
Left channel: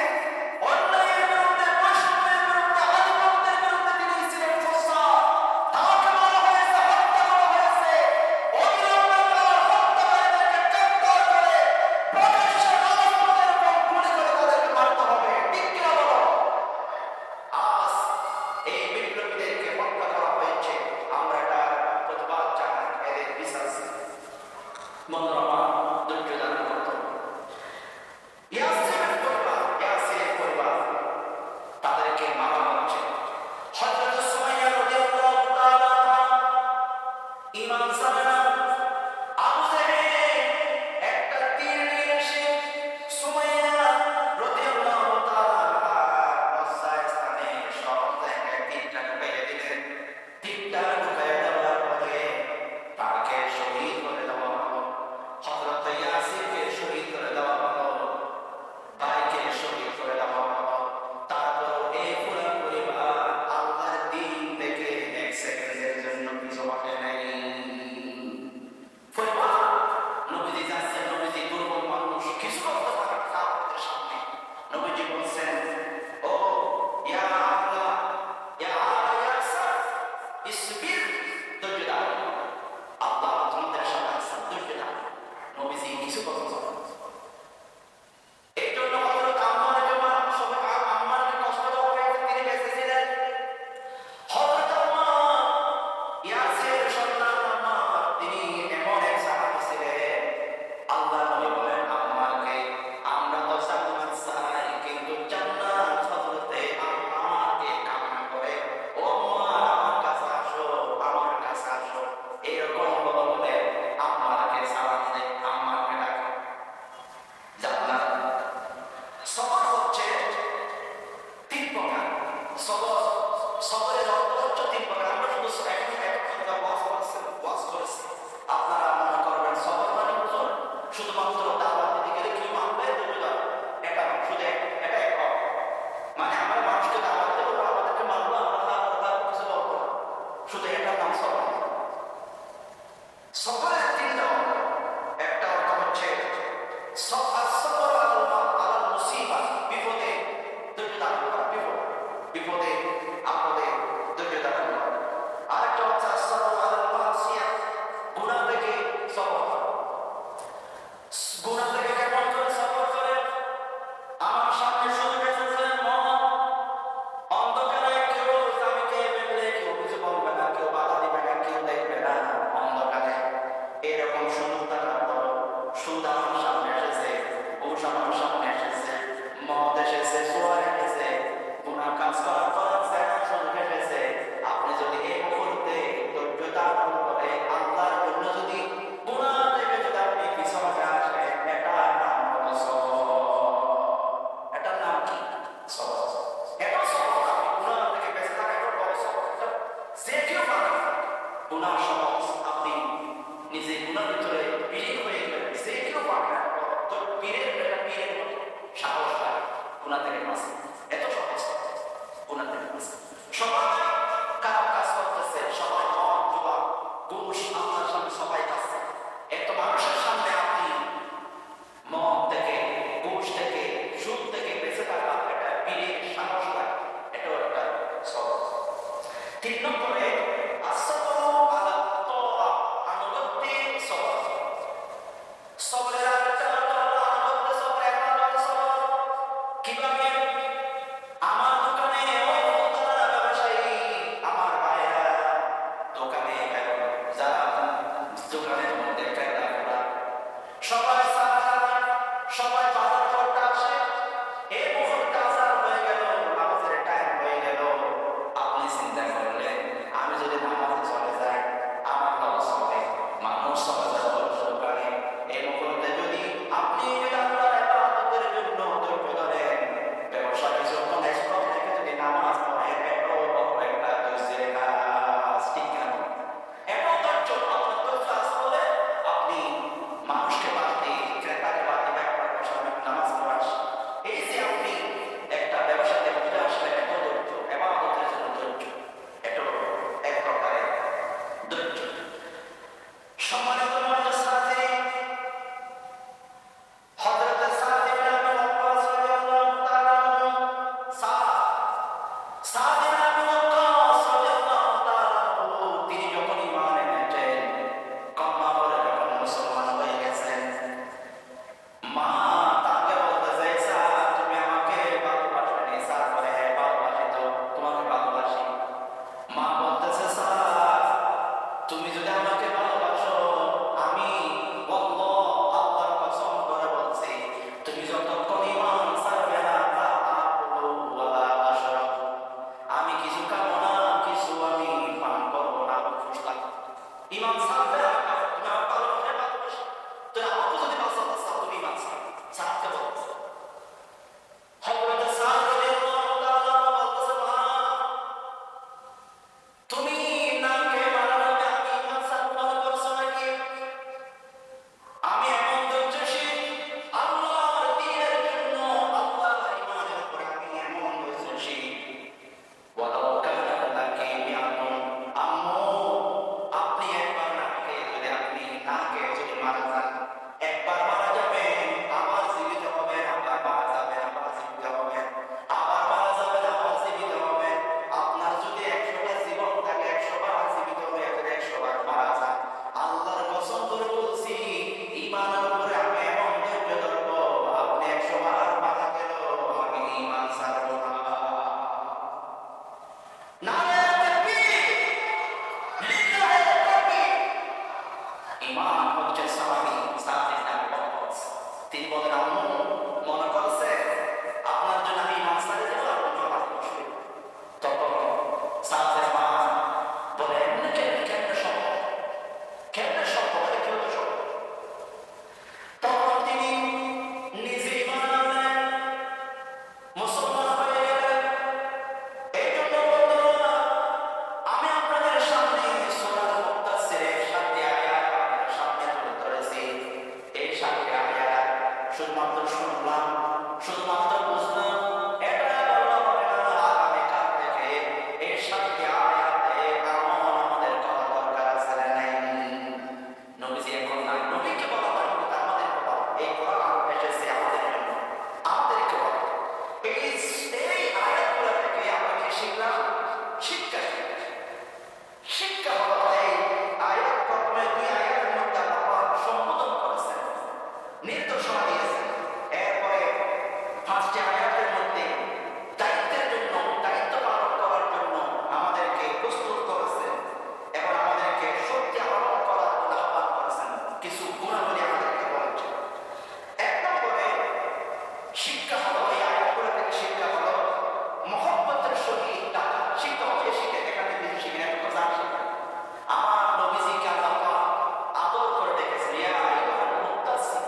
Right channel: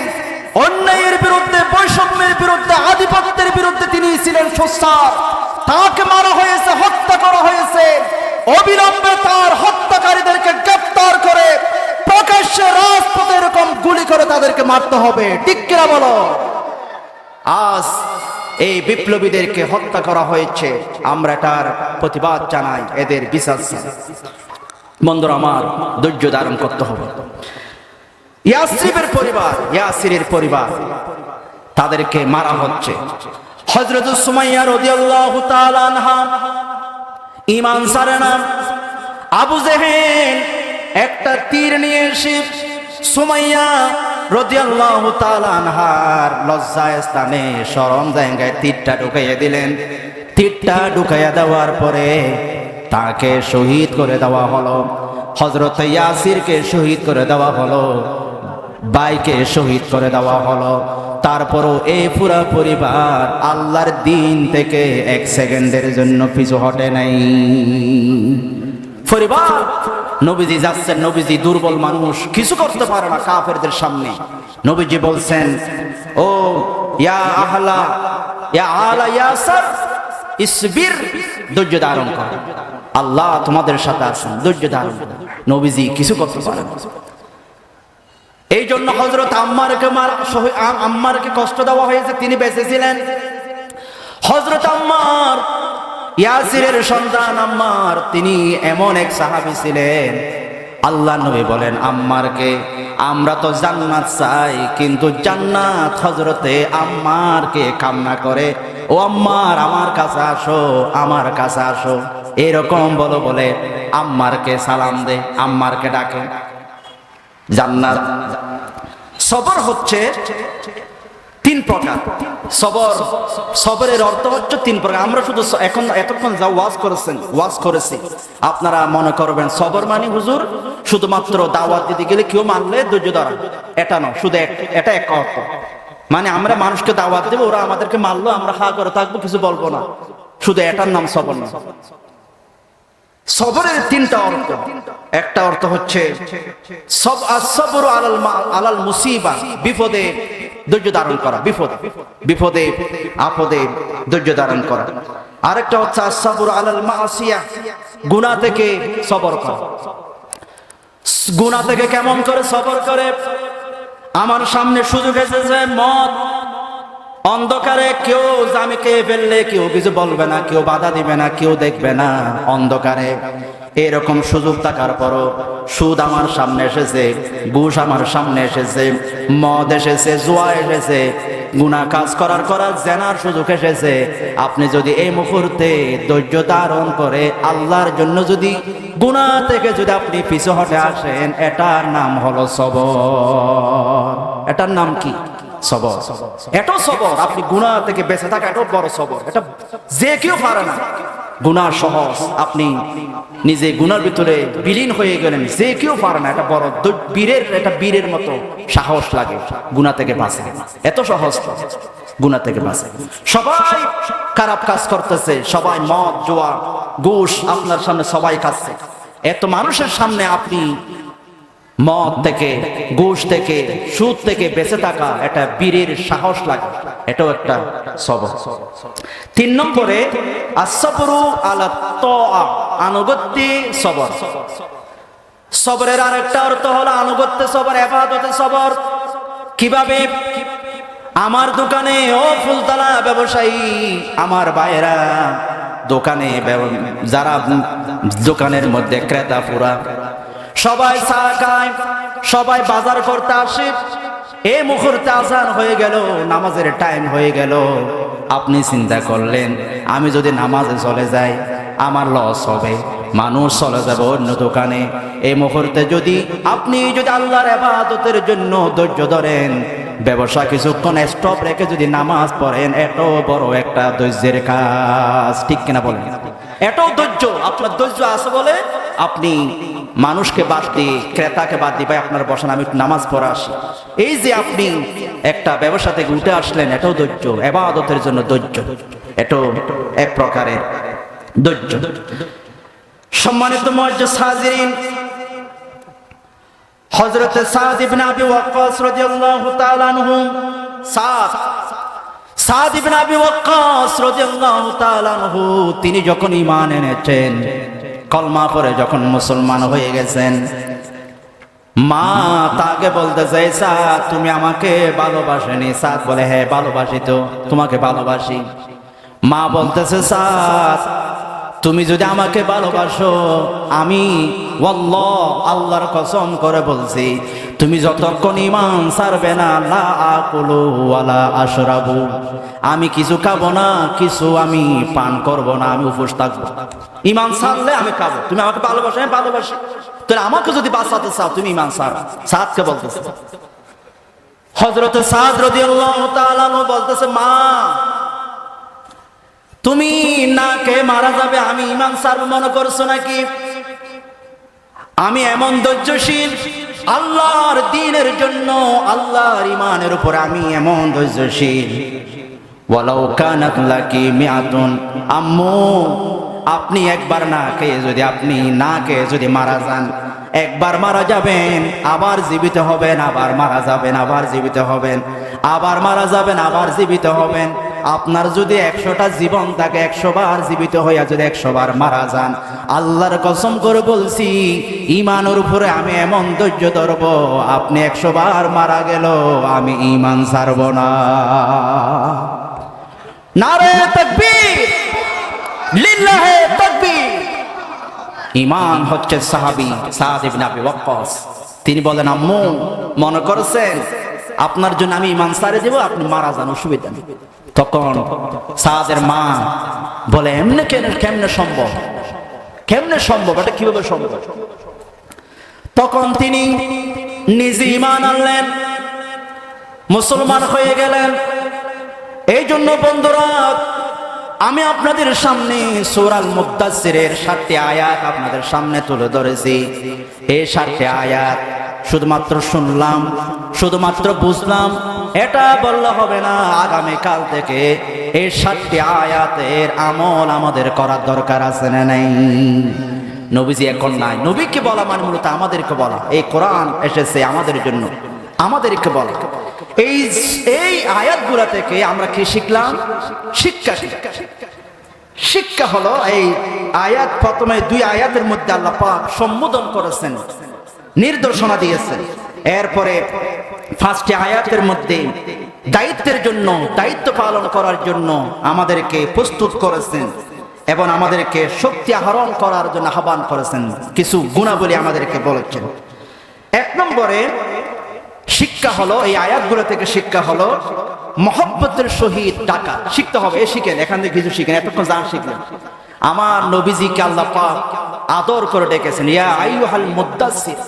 অন্যায়ের বিরুদ্ধে বৈষম্যের বিরুদ্ধে আধিপত্যের বিরুদ্ধে তিনি ছিলেন সোচ্চার তাকে মারা হয়েছে হত্যা করা হয়েছে অবিলম্বে তার হত্যাকারীদেরকে গ্রেফতার করে প্রকাশ্যে রাজপথে এরকম গুলি করে তাদেরকে মারতে হবে ঠিক কিনা বলো আজ এই বিপ্লবীদেরকে হত্যা করা হয়েছে আমরা তার প্রতিবাদ জানাই এদের বিচার চাই বন্ধুরা আমার ধৈর্য ধারণ করতে হবে ইয়াসিরের পরিবার তাদেরকে মারা হচ্ছে হযরত সুমাইয়া রাদিয়াল্লাহু তাআলা আনহা ঈমান ছাড়ে না আবু জেহেল একটা তীর নিয়ে এসে সুমাইয়া রাদিয়াল্লাহু তাআলা আনহার লজ্জায় স্থানে শরম জায়গায় তীরটা ঢুকাইয়া দিলেন তীরটা ঢুকাইয়া দেওয়ার পরে তাকে শহীদ করে দেওয়া হলো হযরত ইয়াসিরকে শহীদ করে দেওয়া হলো ভাইকে শহীদ করে দেওয়া হলো তারপরও এই পুরা পরিবার আল্লাহর দ্বীন থেকে এক সেকেন্ডের জন্য পিছু হটে নাই পরিবার নবীজি যাচ্ছেন নবীজি দুর্বল মানুষ কিছু করতে পারে না কাফেরদের সামনে নবীজি বলছেন ও ইয়া আহলা ইয়া আলা ইয়াসির ইসবির ধৈর্য ধারণ করো আল্লাহ তোমাদের সাথে আছেন ধৈর্য ধারণ করো নবীজি কিছু করতে পারে না এই জন্য হযরত আম্মারকে কষ্ট দেওয়া হয়েছে তিনি বেঁচে ছিলেন হযরত আম্মার ইয়াসিরের সন্তান আম্মার, তিনি এমন এক সাহাবী ছিলেন, আল্লাহ নবী বলেন আম্মারকে, আমরা তো জান্নাত চাই, কিন্তু জান্নাত হযরতে আম্মারকে কামনা করে, ও আম্মার আমার কাছে আসো, আমার কাছে আসো, এরকম বলো বলে আম্মারকে সালাম দে, আম্মারকে ডাকে। জান্নাত সবর হচ্ছে তিন প্রকার। সবরের অর্থ হচ্ছে তিন প্রকার। আমরা শুধু এখন এতক্ষণ যা ওয়াজ করেছি, আপনারা মনে করবেন সবর মানে হুজুর শুধুমাত্র দাওয়াত দিতে গেলে কেউ মানলে ধৈর্য ধরা, এটা নয়, শুধু এটা এক অর্থ। মানে আমরা মানুষকে দাওয়াত দেবো, ওরা আমাদেরকে মানলো, আমরা হা করে থাকবো, কিছু বলবো না, শুধু এটার নাম সবর না। সবরের তিনটা অর্থ। একটা অর্থ হচ্ছে সবরু আলাল মুসিবা, বিপদে ধৈর্য ধারণ করা, বিপদে আপদে ধৈর্য ধারণ করা। আরেকটা হচ্ছে আসসাবরু আলাল মাসিয়া, গুনাহ থেকে সবর করা। গুনাহ থেকে কেমন করে সবর করে? আমার সামনে সুযোগ এসেছে, মদ, অন্ধকারে কেউ জামিকে ফেললে কেউ কিছু বলবে না, কেউ বাধা দিবে না, কেউ দেখবে না, অন্ধকারে এরকম সুযোগ থাকার পরও সুদ আমার সামনে এসেছে, ঘুষ আমার সামনে এসেছে, মদ এসেছে, জুয়া এসেছে, গুনাহ কাজ করার জেনার সুযোগ এসেছে। আপনি যদি এই মুহূর্তে ধৈর্য ধারণ করে আল্লাহর জন্য যদি গুনাহ থেকে যদি আপনি পিছু হটে আসেন, এটার নাম হলো সবর। এটার নাম কি? সবর। এটাও সবর। আপনি গুনাহ থেকে বেঁচে থাকা এটাও বড় সবর। এটা যে কেউ পারে না। গুনাহ সহজ, আপনি নিজে গুনার ভিতরে বিলীন হয়ে গেলেন, যে কেউ পারে না। এটা বড় বীরের, এটা বীরের মতো সাহস লাগে গুনাহ থেকে বাঁচে। এত সহজ গুনাহ থেকে বাঁচে। সবাই খারাপ কাজ করতেছে, সবাই মদ, জুয়া, ঘুষ আপনার সামনে সবাই খাচ্ছে। এত মানুষের সামনে আপনি মদ থেকে, ঘুষ থেকে, সুদ থেকে বেঁচে থাকা, এটা বীরের সাহস লাগে। এটাও একটা সবর। 3 নম্বরে আসসাবরু আলা তাআ, আনুগত্যে সবর। সবরের আরেকটা অর্থ হলো আনুগত্যে সবর, ইবাদতে সবর। কিভাবে? আমার দোকানে, ও ফুলতলা ব্যবসায়ী আমার ভাইয়েরা, দোকানে যারা দোকানের মধ্যে ক্রেতা পুরা সবাই চা খায়, সবাই বাজার করতে আসে, এই মুহূর্তে আজান হয়ে গেল, নামাজের টাইম হয়ে গেল। আপনি চিন্তা করলেন আমি যদি নামাজে চলে যাই আমার লস হবে, মানুষ চলে যাবে অন্য দোকানে। এই মুহূর্তে যদি আপনি আল্লাহর ইবাদতের জন্য ধৈর্য ধরেন, ব্যবসা কিছুক্ষণ স্টপ রেখে যদি নামাজ পড়েন, এটাও বড় একটা ধৈর্যের কাজ। ঠিক কিনা বলেন? এটাও ধৈর্য। আপনার ধৈর্য আছে বলে আপনি মানুষকে বাদ দিয়ে, ক্রেতাকে বাদ দিয়ে, ভাই আপনার বসেন, আমি নামাজ পড়া আসি। এই যে আপনি একটা ব্যবসা থেকে উঠে আসলেন, এটাও ধৈর্য, ইবাদতের জন্য ধৈর্য। এটাও এক প্রকারের ধৈর্য। সম্মানিত মুআজ্জিজ হাজিরিন, হযরত সাদ ইবনে আবি ওয়াক্কাস রাদিয়াল্লাহু তাআলা আনহু, সাদ ইবনে আবি ওয়াক্কাস রাদিয়াল্লাহু তাআলা আনহু, তিনি যখন ঈমান এনেছেন, কলমা পড়ে যখন মুসলমান হয়ে গেছেন, মা তাকে বলতেছে, সাদ তুমি আমাকে ভালোবাসেনি? সাদ বলে, হ্যাঁ ভালোবাসি, তো তোমাকে ভালোবাসি। মা বলতেছে, সাদ তুমি যদি আমাকে ভালোবাসো, আমি ওয়াল্লাহ আল্লাহর কসম করে বলছি, তুমি যতক্ষণ ঈমান ছাড়বে না, লা আকুলু ওয়ালা আশরাবু, আমি কিছু খাবো না, কিছু আমি পান করব না, আমি উপোস থাকবো। ঈমান ছাড়লে আমি খাবো। তুমি আমাকে ভালোবাসো? আমি ভালোবাসি। তাহলে আমাকে যদি বাঁচাতে চাও তুমি ঈমান ছাড়ো। সাদকে বলতেছে, হযরত সাদ রাদিয়াল্লাহু তাআলা বলতেছে, মা তুমি না কে মারা যাবে, আমি ঈমান ছাড়ব মনে করছো নাকি? আমি এমন ধৈর্যশীল আল্লাহর দ্বীনের জন্য, আল্লাহর ঈমানের উপর আমি এমন ধৈর্যশীল। ওয়ালাউ কানাত লাকি মিআতুন, আম্মু আপনি একবার না খেয়ে যদি, আপনি না খেয়ে যদি মারা যান, একবার মারা যাবেন, আবার জীবিত হবেন, আবার মারা যাবেন, আবার জীবিত হবেন, আবার মারা যাবেন, আবার জীবিত হবেন। আপনার যদি 100টা জীবন থাকে, 100 বার জীবিত হইয়া যদি 100 বার মারা যান, আল্লাহর কসম করে বলছি, ঈমানের উপরে আমি এমন ধৈর্য ধরব, আপনি 100 বার মারা গেল আমি ঈমান ছাড়ব না। নারে তাকবীর! লিল্লাহে তাকবীর। ঈমান হচ্ছে সাহাবী সাদ ইবনে আবি ওয়াক্কাস। তিনি বলেন, আম্মু মনে করেছেন আপনার জন্য আমি ঈমান ছাড়ে দেব, আপনি মারা যান, অসুবিধা নেই। তখন সাদের মা বলে, এমনি কেমনে সম্ভব, কেমনে সম্ভব, এটা কিভাবে সম্ভব? তখন তিনি নিজে ঈমান আনলেন, মুসলমান হয়ে গেলেন। এই জন্য বন্ধুরা, আমি আপনাদের সামনে সূরা আল মুদ্দাসসিরের 7টি আয়াত আপনাদের সামনে তুলে ধরেছি। এই 7টি আয়াত শুধুমাত্র শুনলাম, শুধুমাত্র বুঝলাম, এটা বললে হবে না। আগামীকাল থেকে এই 7টি আয়াতের আমল আমাদের করার দরকার আছে না নাই? নবীজি এখন নাই, নবীকে বলা মানে মূলত আমাদেরকে বলা। এই কোরআন এসেছে আমাদের জন্য, আমাদেরকে বলা। এই আয়াতগুলা থেকে আমরা কি শিখলাম? শিক্ষা হলো এই আয়াত, প্রথমে 2 আয়াতের মধ্যে আল্লাহ পাক সম্বোধন করেছেন, নির্দেশনা দিয়েছেন। এরপরে 5টি আয়াতের মধ্যে দায়িত্বের জন্য, দায়িত্ব পালন করার জন্য আমাদেরকে প্রস্তুত করেছেন এবং আমাদেরকে শক্তি আহরণ করার জন্য আহ্বান করেছেন। কিছু গুণাবলী আমাদেরকে বলেছেন। 1 নম্বরে শিক্ষা হলো, এই আয়াতগুলো থেকে শিক্ষা হলো মহব্বতের সহিত ডাকা শিখতে হবে। শিখেন, এখান থেকে কিছু শিখেন, এতক্ষণ যা শিখলেন। আমার নবীজিকে আল্লাহ পাক আদর করে ডেকেছেন, ইয়া আইয়ুহাল মুদ্দাসসির।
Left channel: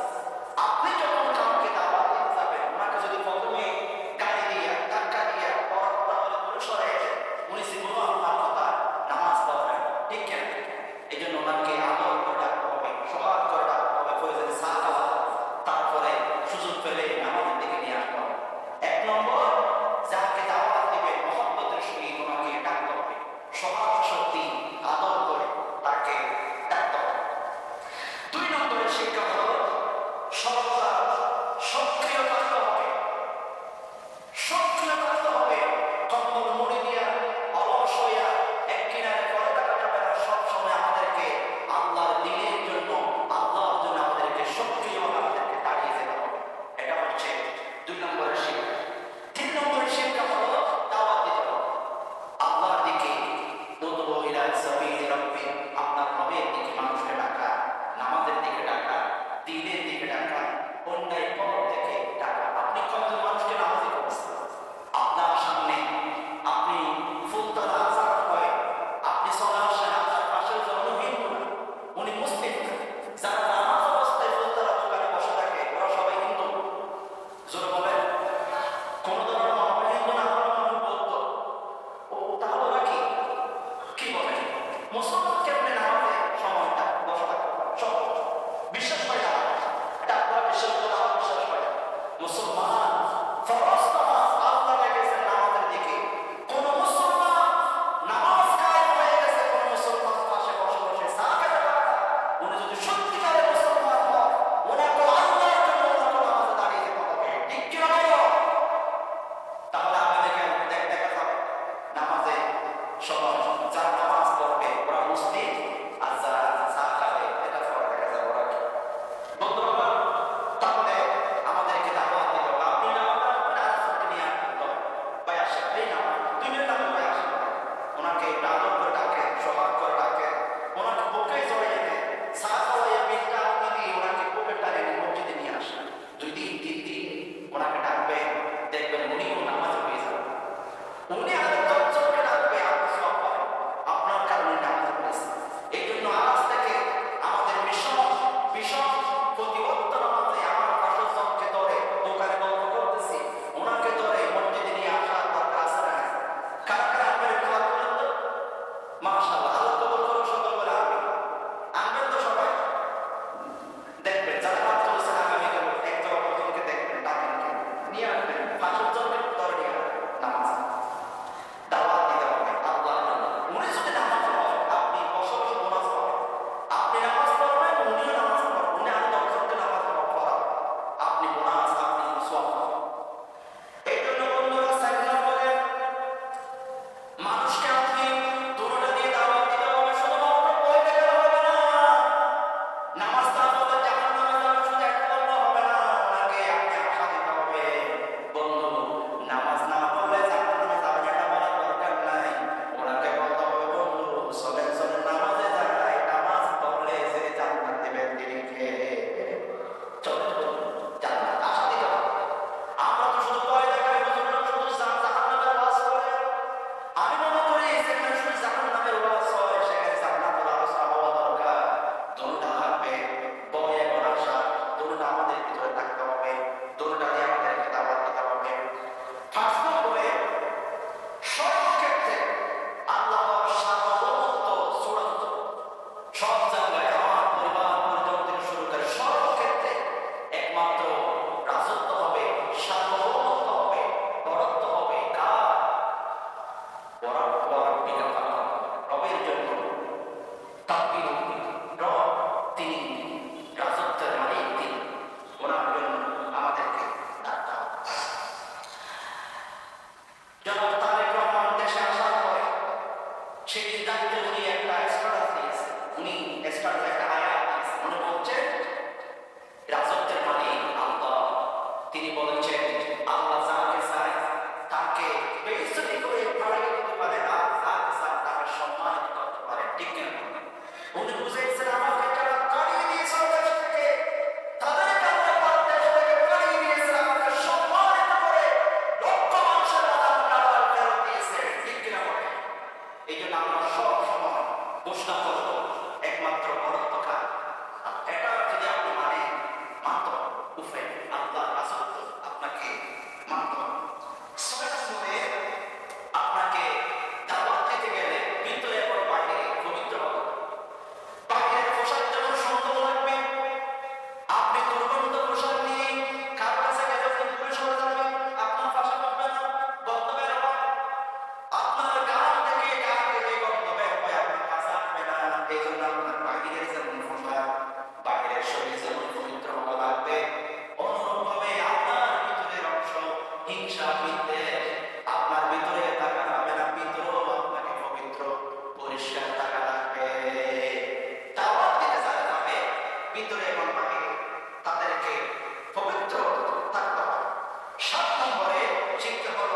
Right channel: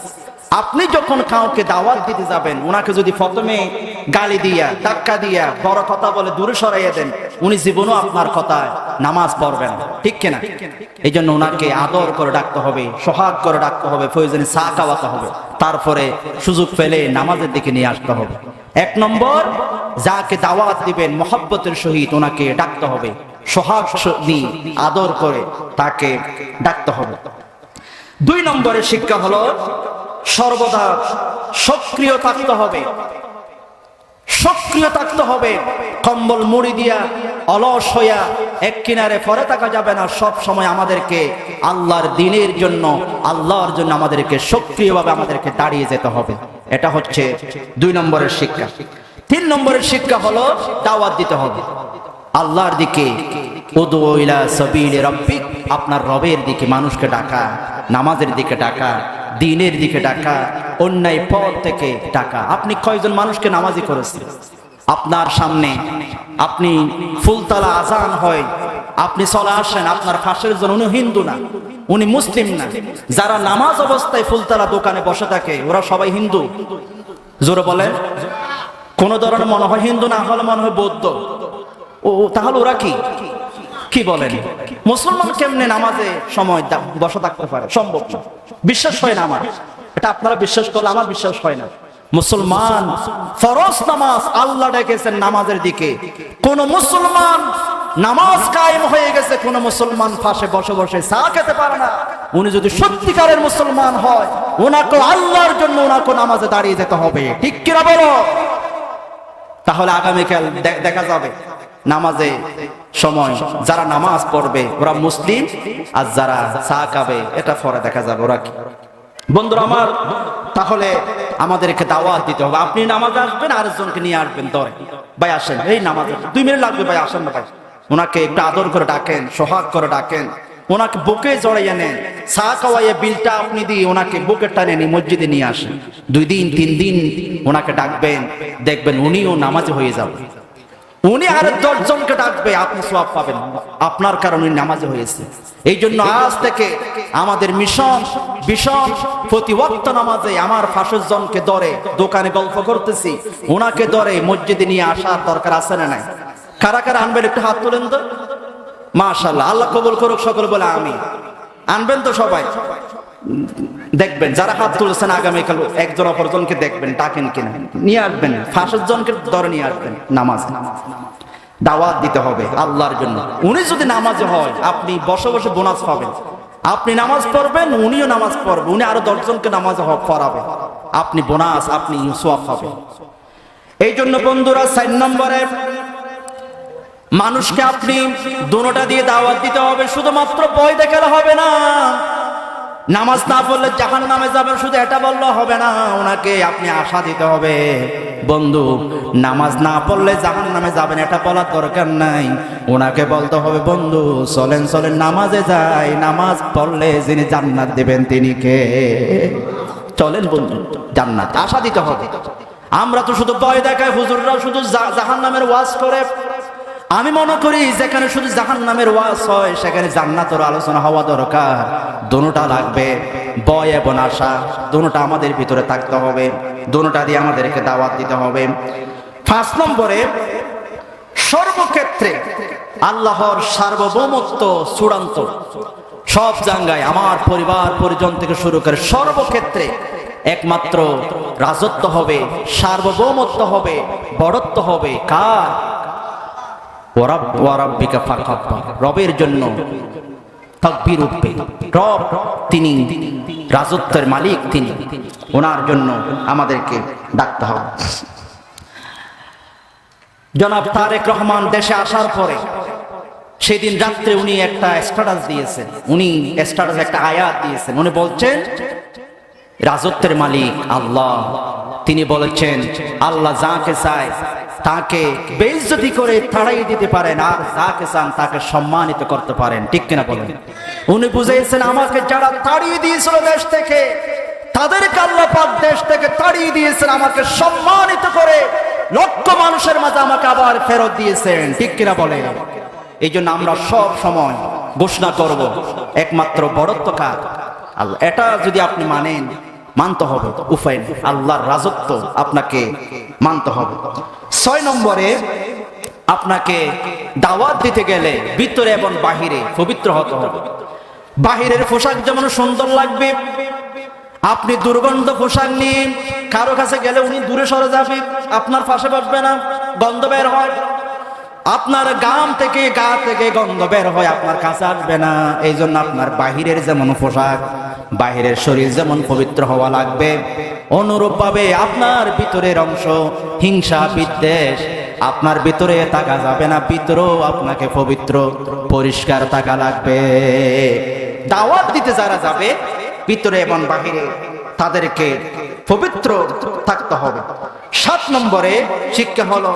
আপনি যখন কাউকে দাওয়াত দিতে যাবেন, ওনাকে যদি প্রথমে গালি দিয়া, ধাক্কা দিয়া, বড় কথা বলে দূরে সরাইয়া দেন, উনি জীবনও আপনার কথায় নামাজ পড়বেন, ঠিক কিনা? এই জন্য ওনাকে আদর করে ডাকতে হবে, সোহাগ করে ডাকতে হবে, প্রয়োজনে চা খাওয়াতে হবে, তারপরে সুযোগ পেলে নামাজের দিকে নিয়ে আসতে হবে। 1 নম্বর, যাকে দাওয়াত দিবেন মহব্বতের সহিত ওনাকে ডাকতে হবে, সোহাগ দিয়ে আদর করে তাকে ডাকতে হবে। 2 নম্বরের শিক্ষা হলো সর্বদা সক্রিয় থাকতে হবে, সক্রিয় থাকতে হবে। কম্বল মুড়ি দিয়া অলস হইয়া এক কিনারে পড়ে থাকা যাবে না। সব সময় আমাদেরকে আল্লাহর দ্বীনের জন্য, আল্লাহর জন্য আমাদেরকে সক্রিয়ভাবে আমাদেরকে দাঁড়িয়ে যেতে হবে। এটা হচ্ছে 2 নম্বরের শিক্ষা। 3 নম্বরের শিক্ষা হলো দাওয়াত দিতে হবে আল্লাহর দিকে। উদু ইলা সাবিলি রাব্বিক, আপনার রবের দিকে মানুষকে ডাকা, নামাজের দিকে ডাকা, দ্বীনের দিকে ডাকা, অন্যায় পথ থেকে ডাকা। আপনি কয়জন মানুষকে নামাজি করেছেন? আপনার সামনে আপনি ফুলতলা আজান হয়, আপনি চলে আসেন, আপনার পাশের জন উনি হিন্দু না, উনি মুসলিম না। যারা নামাজ অবস্থায় ফুলতলা দোকানে বসে থাকে ওরা সবাই হিন্দু। জোরে বলেন। কোন ধরনের মনে হয় হিন্দু, না হলে মনে হয় বৌদ্ধ। ও তাহলে ওরা কি বলেন? মুসলমান কেমনে নামাজে সময় বসে থাকতে পারে? সম্ভব না, বিশ্বাস হয় না আমার। এটা আপনারা বিশ্বাস করলে আমার বিশ্বাস হয় না। মুসলমান ফরজ নামাজ আল্লাহ ডেকেছেন নামাজের দিকে। কোন মুসলমান নামাজ কায়েম হয়ে গেছে, কোন মুসলমান পাশে বসে বসে চা খেতে পারে না। উনি যদি সত্যিকারের মুসলমান হয়, ওনাকে আল্লাহর জন্য ওনাকে নামাজে দাঁড়িয়ে যেতে হবে, ঠিক কিনা বলো? তাহলে আগামীকাল দেখা যাবে নামাজে সময় যারা নামাজ পড়বে ওরা মুসলিম, আর যারা চা খাবে এটা পরে দেখা যাবে ওরা কি। বন্ধুরা আমার, তাহলে আমাদেরকে দাওয়াত দিতে হবে। আপনি নামাজে আসবেন, আরেকজনকে নিয়ে আসবেন, ধরে ভাই আসেন, এই নামাজে 2 মিনিট লাগবে ভাই, আসেন না ভাই। ওনাকে একটু আদর করে ডাকেন, সোহাগ করে ডাকেন, ওনাকে বুকে জড়াইয়া নেন, চা খাওয়াইয়া বিলটা আপনি দিয়ে ওনাকে বুকে টানে নিয়ে মসজিদে নিয়ে আসেন। 2 দিন 3 দিন ওনাকে ডাকবেন, দেখবেন উনিও নামাজে হয়ে যাবে। উনি আর 10 জনকে ডাকবে, আপনি সওয়াব পাবেন, আপনার কারণে নামাজে হয়েছে। এই জন্য আজ থেকে আমাদের মিশন প্রতি ওয়াক্ত নামাজে আমার 5 জনকে ধরে, দোকানে গল্প করতেছি ওনাকে ধরে মসজিদে নিয়ে আসার দরকার আছে না নাই? কারা কারা আনবেন একটু হাত তোলেন তো। মাশাআল্লাহ, আল্লাহ কবুল করুক, সকলে বলে আমি। আনবেন তো সবাই? দেখবেন যারা হাত তুলেছেন আগামীকাল একজন অপরজনকে দেখবেন ডাকেন কিনা, নিয়ে আসবেন। 5 জনকে ধরে নিয়ে আসবেন নামাজ। দাওয়াত দিতে হবে আল্লাহর জন্য। উনি যদি নামাজে হয়, আপনি বসে বসে বোনাস পাবেন। আপনি নামাজ পড়বেন, উনিও নামাজ পড়বে, উনি আরো 10 জনকে নামাজে পড়াবে, আপনি বোনাস, আপনি সওয়াব পাবেন। এই জন্য বন্ধুরা 4 নম্বরে মানুষকে আপনি দুটোটা দিয়ে দাওয়াত দিতে হবে। শুধুমাত্র বই দেখালে হবে না। নামাজ না পড়লে জাহান্নামে যাবেন শুধু এটা বললে হবে না, ওনাকে আপনি আশা দিতে হবে। বন্ধু নামাজ না পড়লে জাহান্নামে যাবেন এটা বলার দরকার নাই, ওনাকে বলতে হবে বন্ধু চলেন চলেন নামাজে যাই, নামাজ পড়লে যিনি জান্নাত দেবেন তিনি কে? চলেন বন্ধু জান্নাত আশা দিতে হবে। আমরা তো শুধু ভয় দেখায়, হুজুররাও শুধু জাহান্নামের ওয়াজ করে। আমি মনে করি যেখানে শুধু জাহান্নামের ওয়াজ হয় সেখানে জান্নাতের আলোচনা হওয়া দরকার। দুটোটা লাগবে, ভয় এবং আশা দুটোটা আমাদের ভিতরে থাকতে হবে, দুটোটা দিয়ে আমাদেরকে দাওয়াত দিতে হবে। 5 নম্বরে, সর্বক্ষেত্রে আল্লাহর সার্বভৌমত্ব চূড়ান্ত। সব জায়গায় আমার পরিবার পরিজন থেকে শুরু করে সর্বক্ষেত্রে একমাত্র রাজত্ব হবে, সার্বভৌমত্ব হবে, বড়ত্ব হবে কার? ওয়ারাব্বিকা ফাকাব্বির, রবের জন্য তাকবীর উঠবে। রব তিনি রাজত্বের মালিক, তিনি, ওনার জন্য আমাদেরকে ডাকতে হবে। জনাব তারেক রহমান দেশে আসার পরে সেদিন রাত্রে উনি একটা স্ট্যাটাস দিয়েছেন, উনি স্ট্যাটাস একটা আয়াত দিয়েছেন। উনি বলছেন রাজত্বের মালিক আল্লাহ, তিনি বলেছেন আল্লাহ যাকে চায় তাকে বেইজ্জতি করে তাড়াই দিতে পারেন, আর যাকে চান তাকে সম্মানিত করতে পারেন। ঠিক কিনা বলেন? উনি বুঝাইছেন আমাকে যারা তাড়িয়ে দিয়েছিল দেশ থেকে, তাদেরকে আল্লাহ পাক দেশ থেকে তাড়িয়ে দিয়েছেন, আমাকে সম্মানিত করে লক্ষ মানুষের মাঝে আমাকে আবার ফেরত দিয়েছেন। ঠিক কিনা বলেন? এই জন্য আমরা সব সময় ঘোষণা করব একমাত্র বড়ত্ব কার? আল্লাহ। এটা যদি আপনি মানেন, মানতে হবে, উপায় নেই, আল্লাহর রাজত্ব আপনাকে মানতে হবে। 6 নম্বরে, আপনাকে দাওয়াত দিতে গেলে ভিতরে এবং বাহিরে পবিত্র হতে হবে। বাহিরের পোশাক যেমন সুন্দর লাগবে, আপনি দুর্গন্ধ পোশাক নিয়ে কারো কাছে গেলে উনি দূরে সরে যাবে, আপনার পাশে বসবে না, গন্ধ বের হয়। আপনার গাম থেকে গা থেকে গন্ধ বের হয়, আপনার কাছে আসবে না। এই জন্য আপনার বাহিরের যেমন পোশাক, বাহিরের শরীর যেমন পবিত্র হওয়া লাগবে, অনুরূপ ভাবে আপনার ভিতরের অংশ হিংসা বিদ্বেষ আপনার ভিতরে থাকা যাবে না, ভিতরেও আপনাকে পবিত্র পরিষ্কার থাকা লাগবে। দাওয়াত দিতে যারা যাবে ভিতরে এবং বাহিরে তাদেরকে পবিত্র থাকতে হবে। 7 নম্বরে শিক্ষা হলো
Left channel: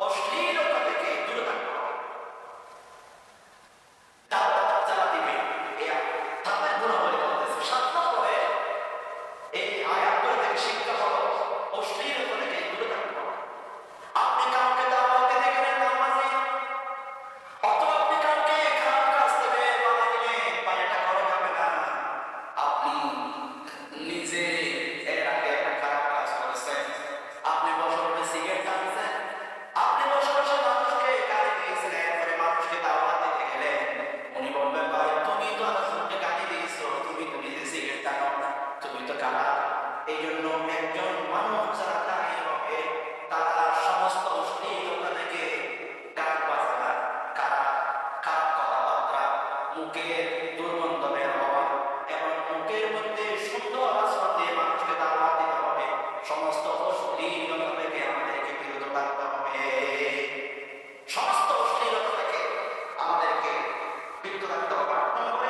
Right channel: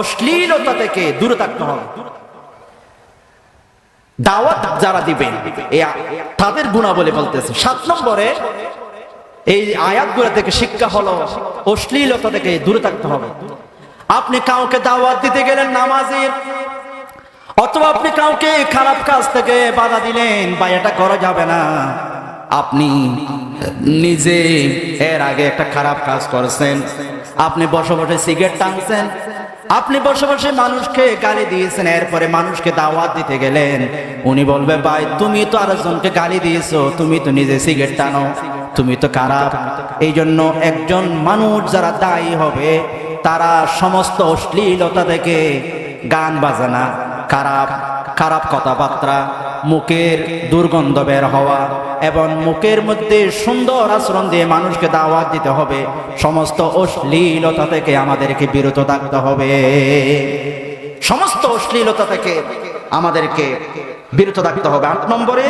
অশ্লীলতা থেকে দূরে থাকতে হবে। দাওয়াত যারা দিবে তাদের গুণাবলী বলতেছে। 7 নম্বরে এই আয়াতগুলো থেকে শিক্ষা হলো অশ্লীলতা থেকে দূরে থাকতে হবে। আপনি কাউকে দাওয়াত দিতে গেলেন নামাজের, অথবা আপনি কাউকে খারাপ কাজ থেকে বাধা দিলেন, বা এটা করা যাবে না, আপনি নিজে এর আগে একটা খারাপ কাজ করেছেন, আপনি বসে বসে সিগারেট টানছেন, আপনি বসে বসে মানুষকে গালি দিয়েছেন, এরপরে মানুষকে দাওয়াত দিতে গেলেন, উনি বলবে ভাই তুমি তো আরেকজনকে গালি দিয়েছো, তুমি তো নিজে সিগারেট টানো, তুমি তো খারাপ। এই জন্য একজন মানুষ যারা দায়ী হবে তারা সমস্ত অশ্লীলতা থেকে, গান বাজানা, খারাপ খারাপ কথাবার্তা, মুখের দুর্গন্ধ বের হওয়া এবং মুখের মধ্যে সুন্দর আচরণ দিয়ে মানুষকে দাওয়াত দিতে হবে। সমস্ত অশ্লীলতা থেকে আমাদেরকে বিরত থাকতে হবে, সমস্ত অশ্লীলতা থেকে আমাদেরকে বিরত থাকতে হবে। 8 নম্বরে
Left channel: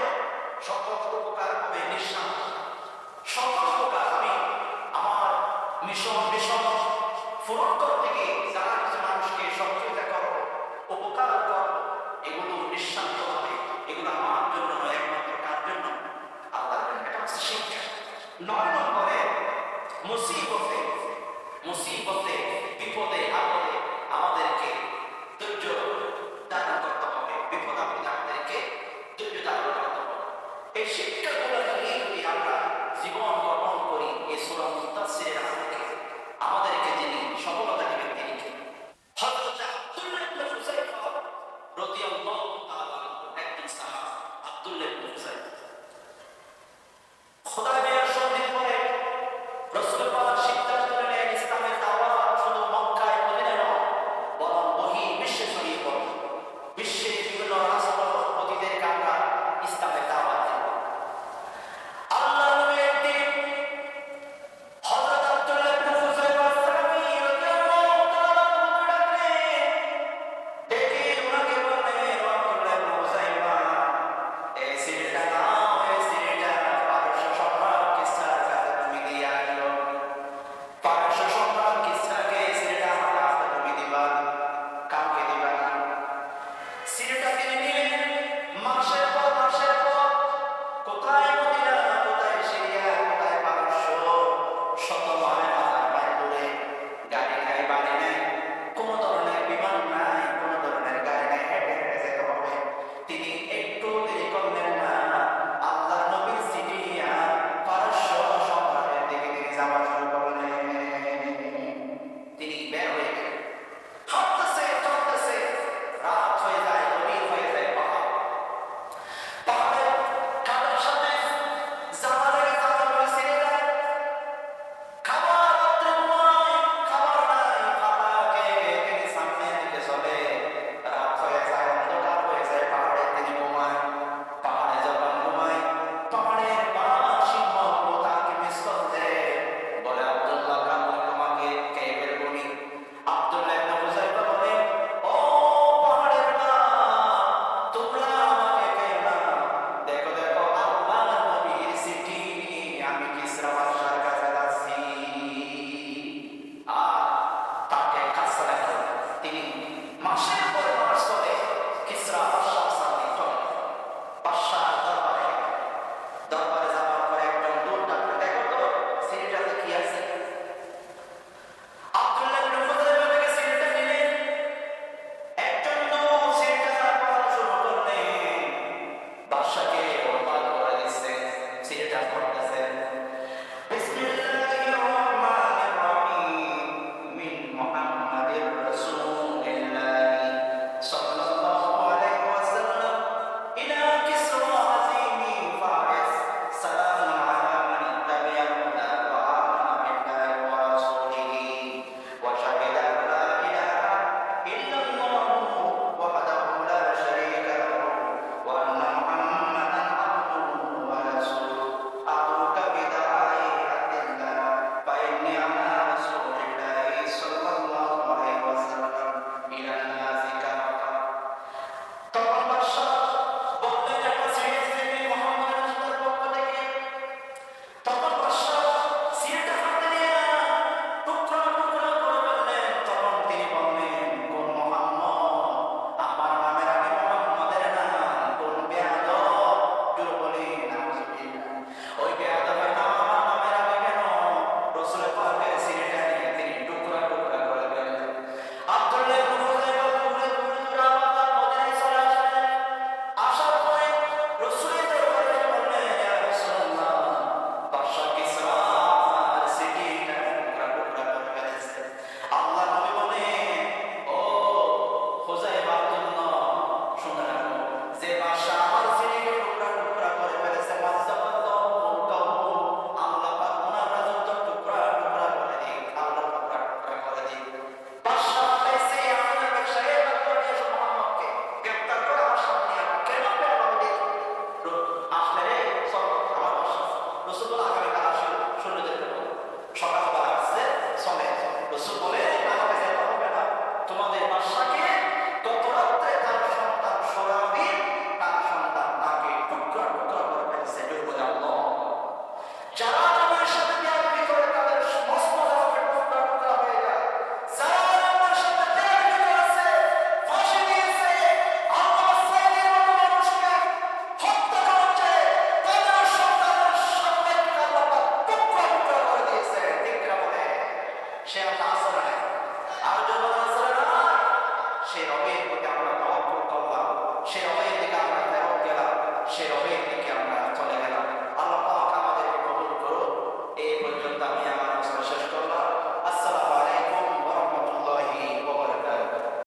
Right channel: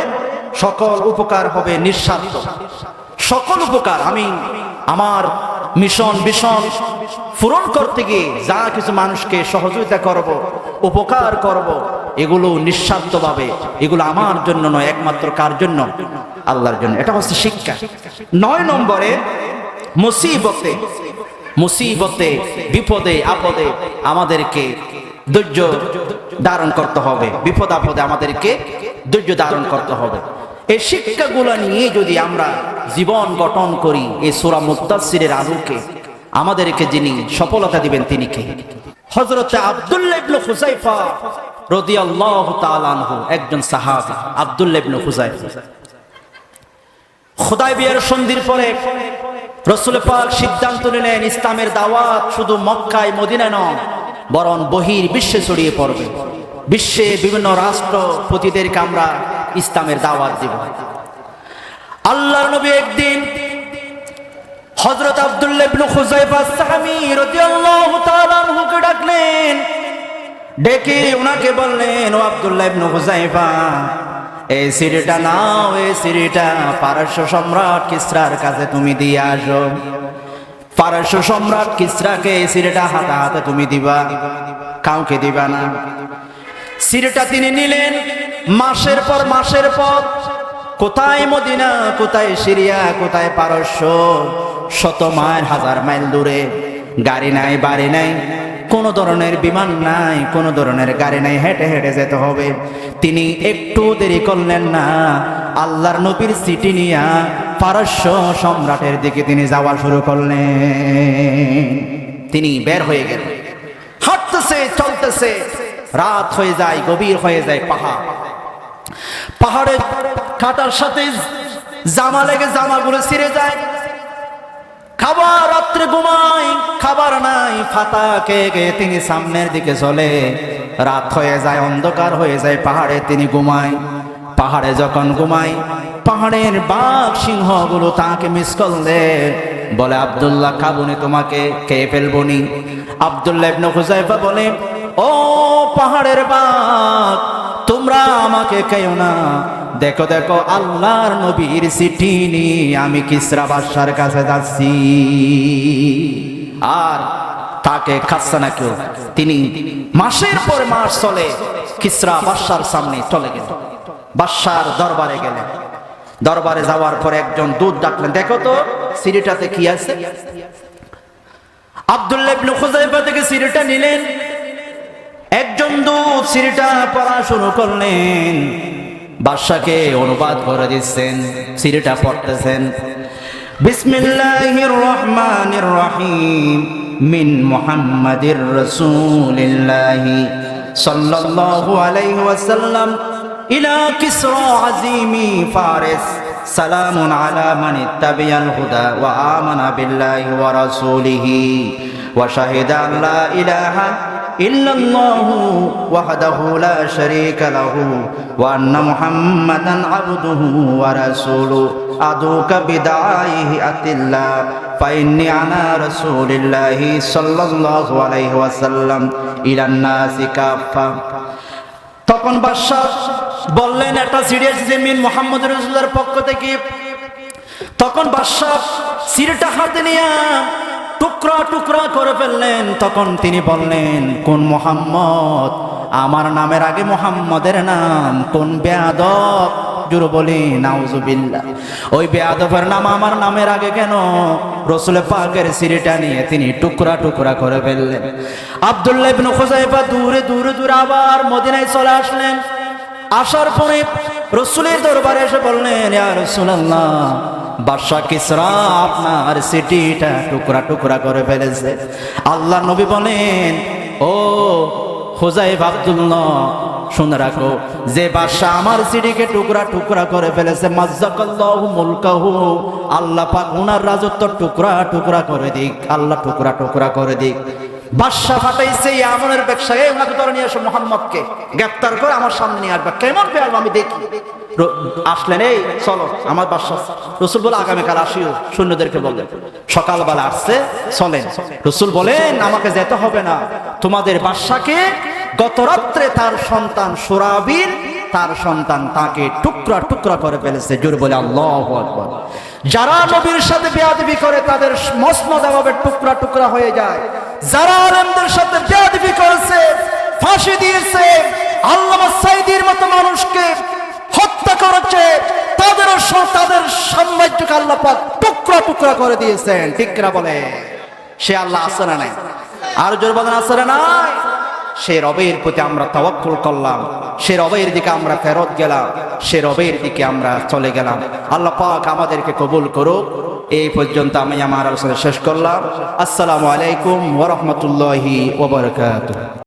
সকল উপকার হবে নিঃস্বার্থ। সকল উপকার, আমি আমার মিশন ভীষণ পূরণ করতে গিয়ে যা কিছু মানুষকে সহযোগিতা করব, উপকার করব, এগুলো নিঃস্বার্থভাবে, এগুলো আমার জন্য নয়, একমাত্র কার জন্য? আল্লাহর জন্য। এটা হচ্ছে শিক্ষা। 9 নম্বরে মুসিবতে মুসিবতে বিপদে আপদে আমাদেরকে ধৈর্য ধারণ করতে হবে, বিপদ আপদে আমাদেরকে ধৈর্য ধারণ করতে হবে। এই শিক্ষাগুলো নিয়ে যদি আমরা জীবন গঠন করি, এই সূরা মুদ্দাসসিরের আলোকে আমাদেরকে যিনি সফলতা দিবেন তিনি কে? হযরত আব্দুল্লাহ ইবনে হুযায়ফা রাদিয়াল্লাহু তাআলা আনহু, একজন সাহাবী। আব্দুল্লাহ ইবনে হুযায়ফা হুদায়বিয়ার সন্ধির পরে রাসূল পাক সিদ্ধান্ত নিলেন ইসলামের দাওয়াত শুধু মক্কায় মদিনায় নয়, বরং বহির বিশ্বে ছড়িয়ে পড়বে। বিশ্বে বিভিন্ন রাষ্ট্রপতিদেরকে আমরা ইসলামের দাওয়াত দিব। আল্লাহর নবী একদিন হযরত আব্দুল্লাহ ইবনে হুযায়ফা সাহাবী রাদিয়াল্লাহু তাআলা আনহুকে ডাকলেন, ডেকে ওনাকে বললেন, ও আব্দুল্লাহ ইবনে হুযায়ফা, এই সিরিটা নাও, এই সিরিটা পারস্য সম্রাট কিসরার কাছে তুমি দিয়ে আসো। পারস্য সম্রাট কিসরাকে সিরেটা হাতে হাতে তুমি দিবা, কাউকে দিবা না। সিরেটা তিনি নিলেন। মাসের পর মাসের পর কোথায় মদিনা, কোথায় সিরিয়া, কোথায় পারস্য, শত মাইল হাজার মাইল দূরে, গাড়ি নাই, বাড়ি নাই, কোন ধরনের বিমান নাই, কোন ধরনের গাড়ি নাই, হেঁটে হেঁটে যেতে হবে। তিনি একটু দেরি করলেন না, আল্লাহর নবীর সিটি নিয়া পারস্য সম্রাটের দিকে তিনি যাওয়া শুরু করলেন। তিনি বের হয়ে গেলেন, হাঁটতেছে, চলতেছে, রাত হয়ে যায়, গভীর হয়ে যায়। পাহাড়ের কাটার সাথে জামা লেগে জামাগুলো ছিঁড়ে যায়। খাবার, রাত্রে ঘুমাই, খাবার নাই, ফাতা খেয়ে খেয়ে তিনি সামনের দিকে চলে। রাত হয়ে যায়, অন্ধকার হয়ে যায়, পাহাড়ে তিনি ঘুমায়। পাহাড়ে যখন ঘুমায়, পাহাড়ের বাঘ সিংহগুলো তাকে মিস করলে, বলে আব্দুল্লাহ খাবুনি, তোমাকে খেয়ে ফেলবনি। আব্দুল্লাহ ইবনে হুযায়ফা বলে, ও পাহাড়ের বাঘ, তোমরা আমাকে খেও না, দেখো দেখো আল্লাহর নবীর চিঠি নিয়ে আমি কিসরা বাদশার কাছে যাচ্ছি। আর তাকে খাচ্ছে না কেউ। তিনি মাসের পর মাস চলে কিসরা বাদশার সামনে চলে গেল, বাদশার দরবারে গেলেন। দরবারে যাওয়ার পর একজন দূত ডাকলেন, দেখো তো সিঁড়িটাতে কি আছে। আব্দুল্লাহ ইবনে হুযায়ফা থেকে সিঁড়িটা নিলেন। একজন দূত সিঁড়িটা পড়া শুরু করলেন, বাদশাকে অনুবাদ করে দিচ্ছেন, সিঁড়িটা পড়তেছেন। বিসমিল্লাহির রহমানির রহিম, মিন মুহাম্মাদির রাসূলিল্লাহি সাল্লাল্লাহু আলাইহি ওয়াসাল্লাম ইলা কিসরা আযীমি ফারিস, সালামুন আলা মান ইত্তাবিআল হুদা ওয়া আমানা বিল্লাহি ওয়া রাসূলিহি ওয়া শাহিদা আল্লা ইলাহা ইল্লাল্লাহু ওয়াহদাহু লা শারীকা লাহু ওয়া আন্না মুহাম্মাদান আবদুহু ওয়া রাসূলুহু আদুকা বিদাইহি আতিল্লাহ ফাইন্নী আনা রাসূলিল্লাহি সাল্লাল্লাহু আলাইহি ওয়াসাল্লাম ইলান নাসি কাফা। তখন বাদশা বললেন, একটা সিঁড়ি এসেছে মিন মুহাম্মদ রাসূলুল্লাহর পক্ষ থেকে। তখন বাদশা সিঁড়িটা হাতে নিয়ে টুকরা টুকরা করে ফেললেন। তখন তিনি বললেন, কোন মুহাম্মদ? আমার নামের আগে মুহাম্মদের নাম। কোন বেয়াদব? জোরে বলি নাউজুবিল্লাহ। ওই বেয়াদবের নাম আমার নামের আগে কেন? রাসূল পাকের সিঁড়িটা নিয়ে তিনি টুকরা টুকরা করে ফেললেন। আব্দুল্লাহ ইবনে হুযায়ফা দূরে দূরে দূরে আবার মদিনায় চলে আসলেন। আসার পরে রাসূলের দরবারে এসে বললেন, ইয়া রাসূলুল্লাহ, বাদশা কিসরা আপনার সিটিটা টুকরা টুকরা করে ফেলেছে। আল্লাহ নবী বলেন, ও হুযায়ফা, আব্দুল্লাহ, শুনে রাখো, যে বাদশা আমার সিটিকে টুকরা টুকরা করে ফেলেছে, মাজ্জাকাল্লাহু মুলকাহু, আল্লাহ পাক ওনার রাজত্ব টুকরা টুকরা করে দিক, আল্লাহ টুকরা টুকরা করে দিক। বাদশা ফাটাইছে আমনের ব্যবসায়ী, ওনাকে ধরে নিয়ে এসো, মুহাম্মদকে গ্রেফতার করে আমার সামনে নিয়ে আসবে। কেমন পেলাম আমি দেখি। আসলেন, এই চলো আমার বাদশা। রাসূল বলে, আগামীকাল আসিও, সৈন্যদেরকে বললেন। সকালবেলা আসছে, চলেন। রাসূল বলেন, আমাকে যেতে হবে না, তোমাদের বাদশাকে গত রাত্রে তার সন্তান সুরাবিল, তার সন্তান তাকে টুকরা টুকরা করে ফেলেছে। জোরে বলে আল্লাহু আকবার। যারা নবীর সাথে বেয়াদবি করে তাদের মসনদ এভাবে টুকরা টুকরা হয়ে যায়। যারা আলেমদের সাথে বেয়াদবি করেছে, ফাঁসি দিয়েছে, আল্লামা সাঈদীর মতো মানুষকে হত্যা করেছে, তাদের সাম্রাজ্যকে আল্লাহ পাক টুকরা টুকরা করে দিয়েছেন। ঠিক না বলে? সে আল্লাহ আছে না নাই? আর জোরে বলেন আছে না নাই? সে রবের প্রতি আমরা তাওয়াক্কুল করলাম, সে রবের দিকে আমরা ফেরত গেলাম, সে রবের দিকে আমরা চলে গেলাম। আল্লাহ পাক আমাদেরকে কবুল করুক। এই পর্যন্ত আমি আমার আলোচনা শেষ করলাম। আসসালামু আলাইকুম ওয়া রাহমাতুল্লাহি ওয়া বারাকাতুহু।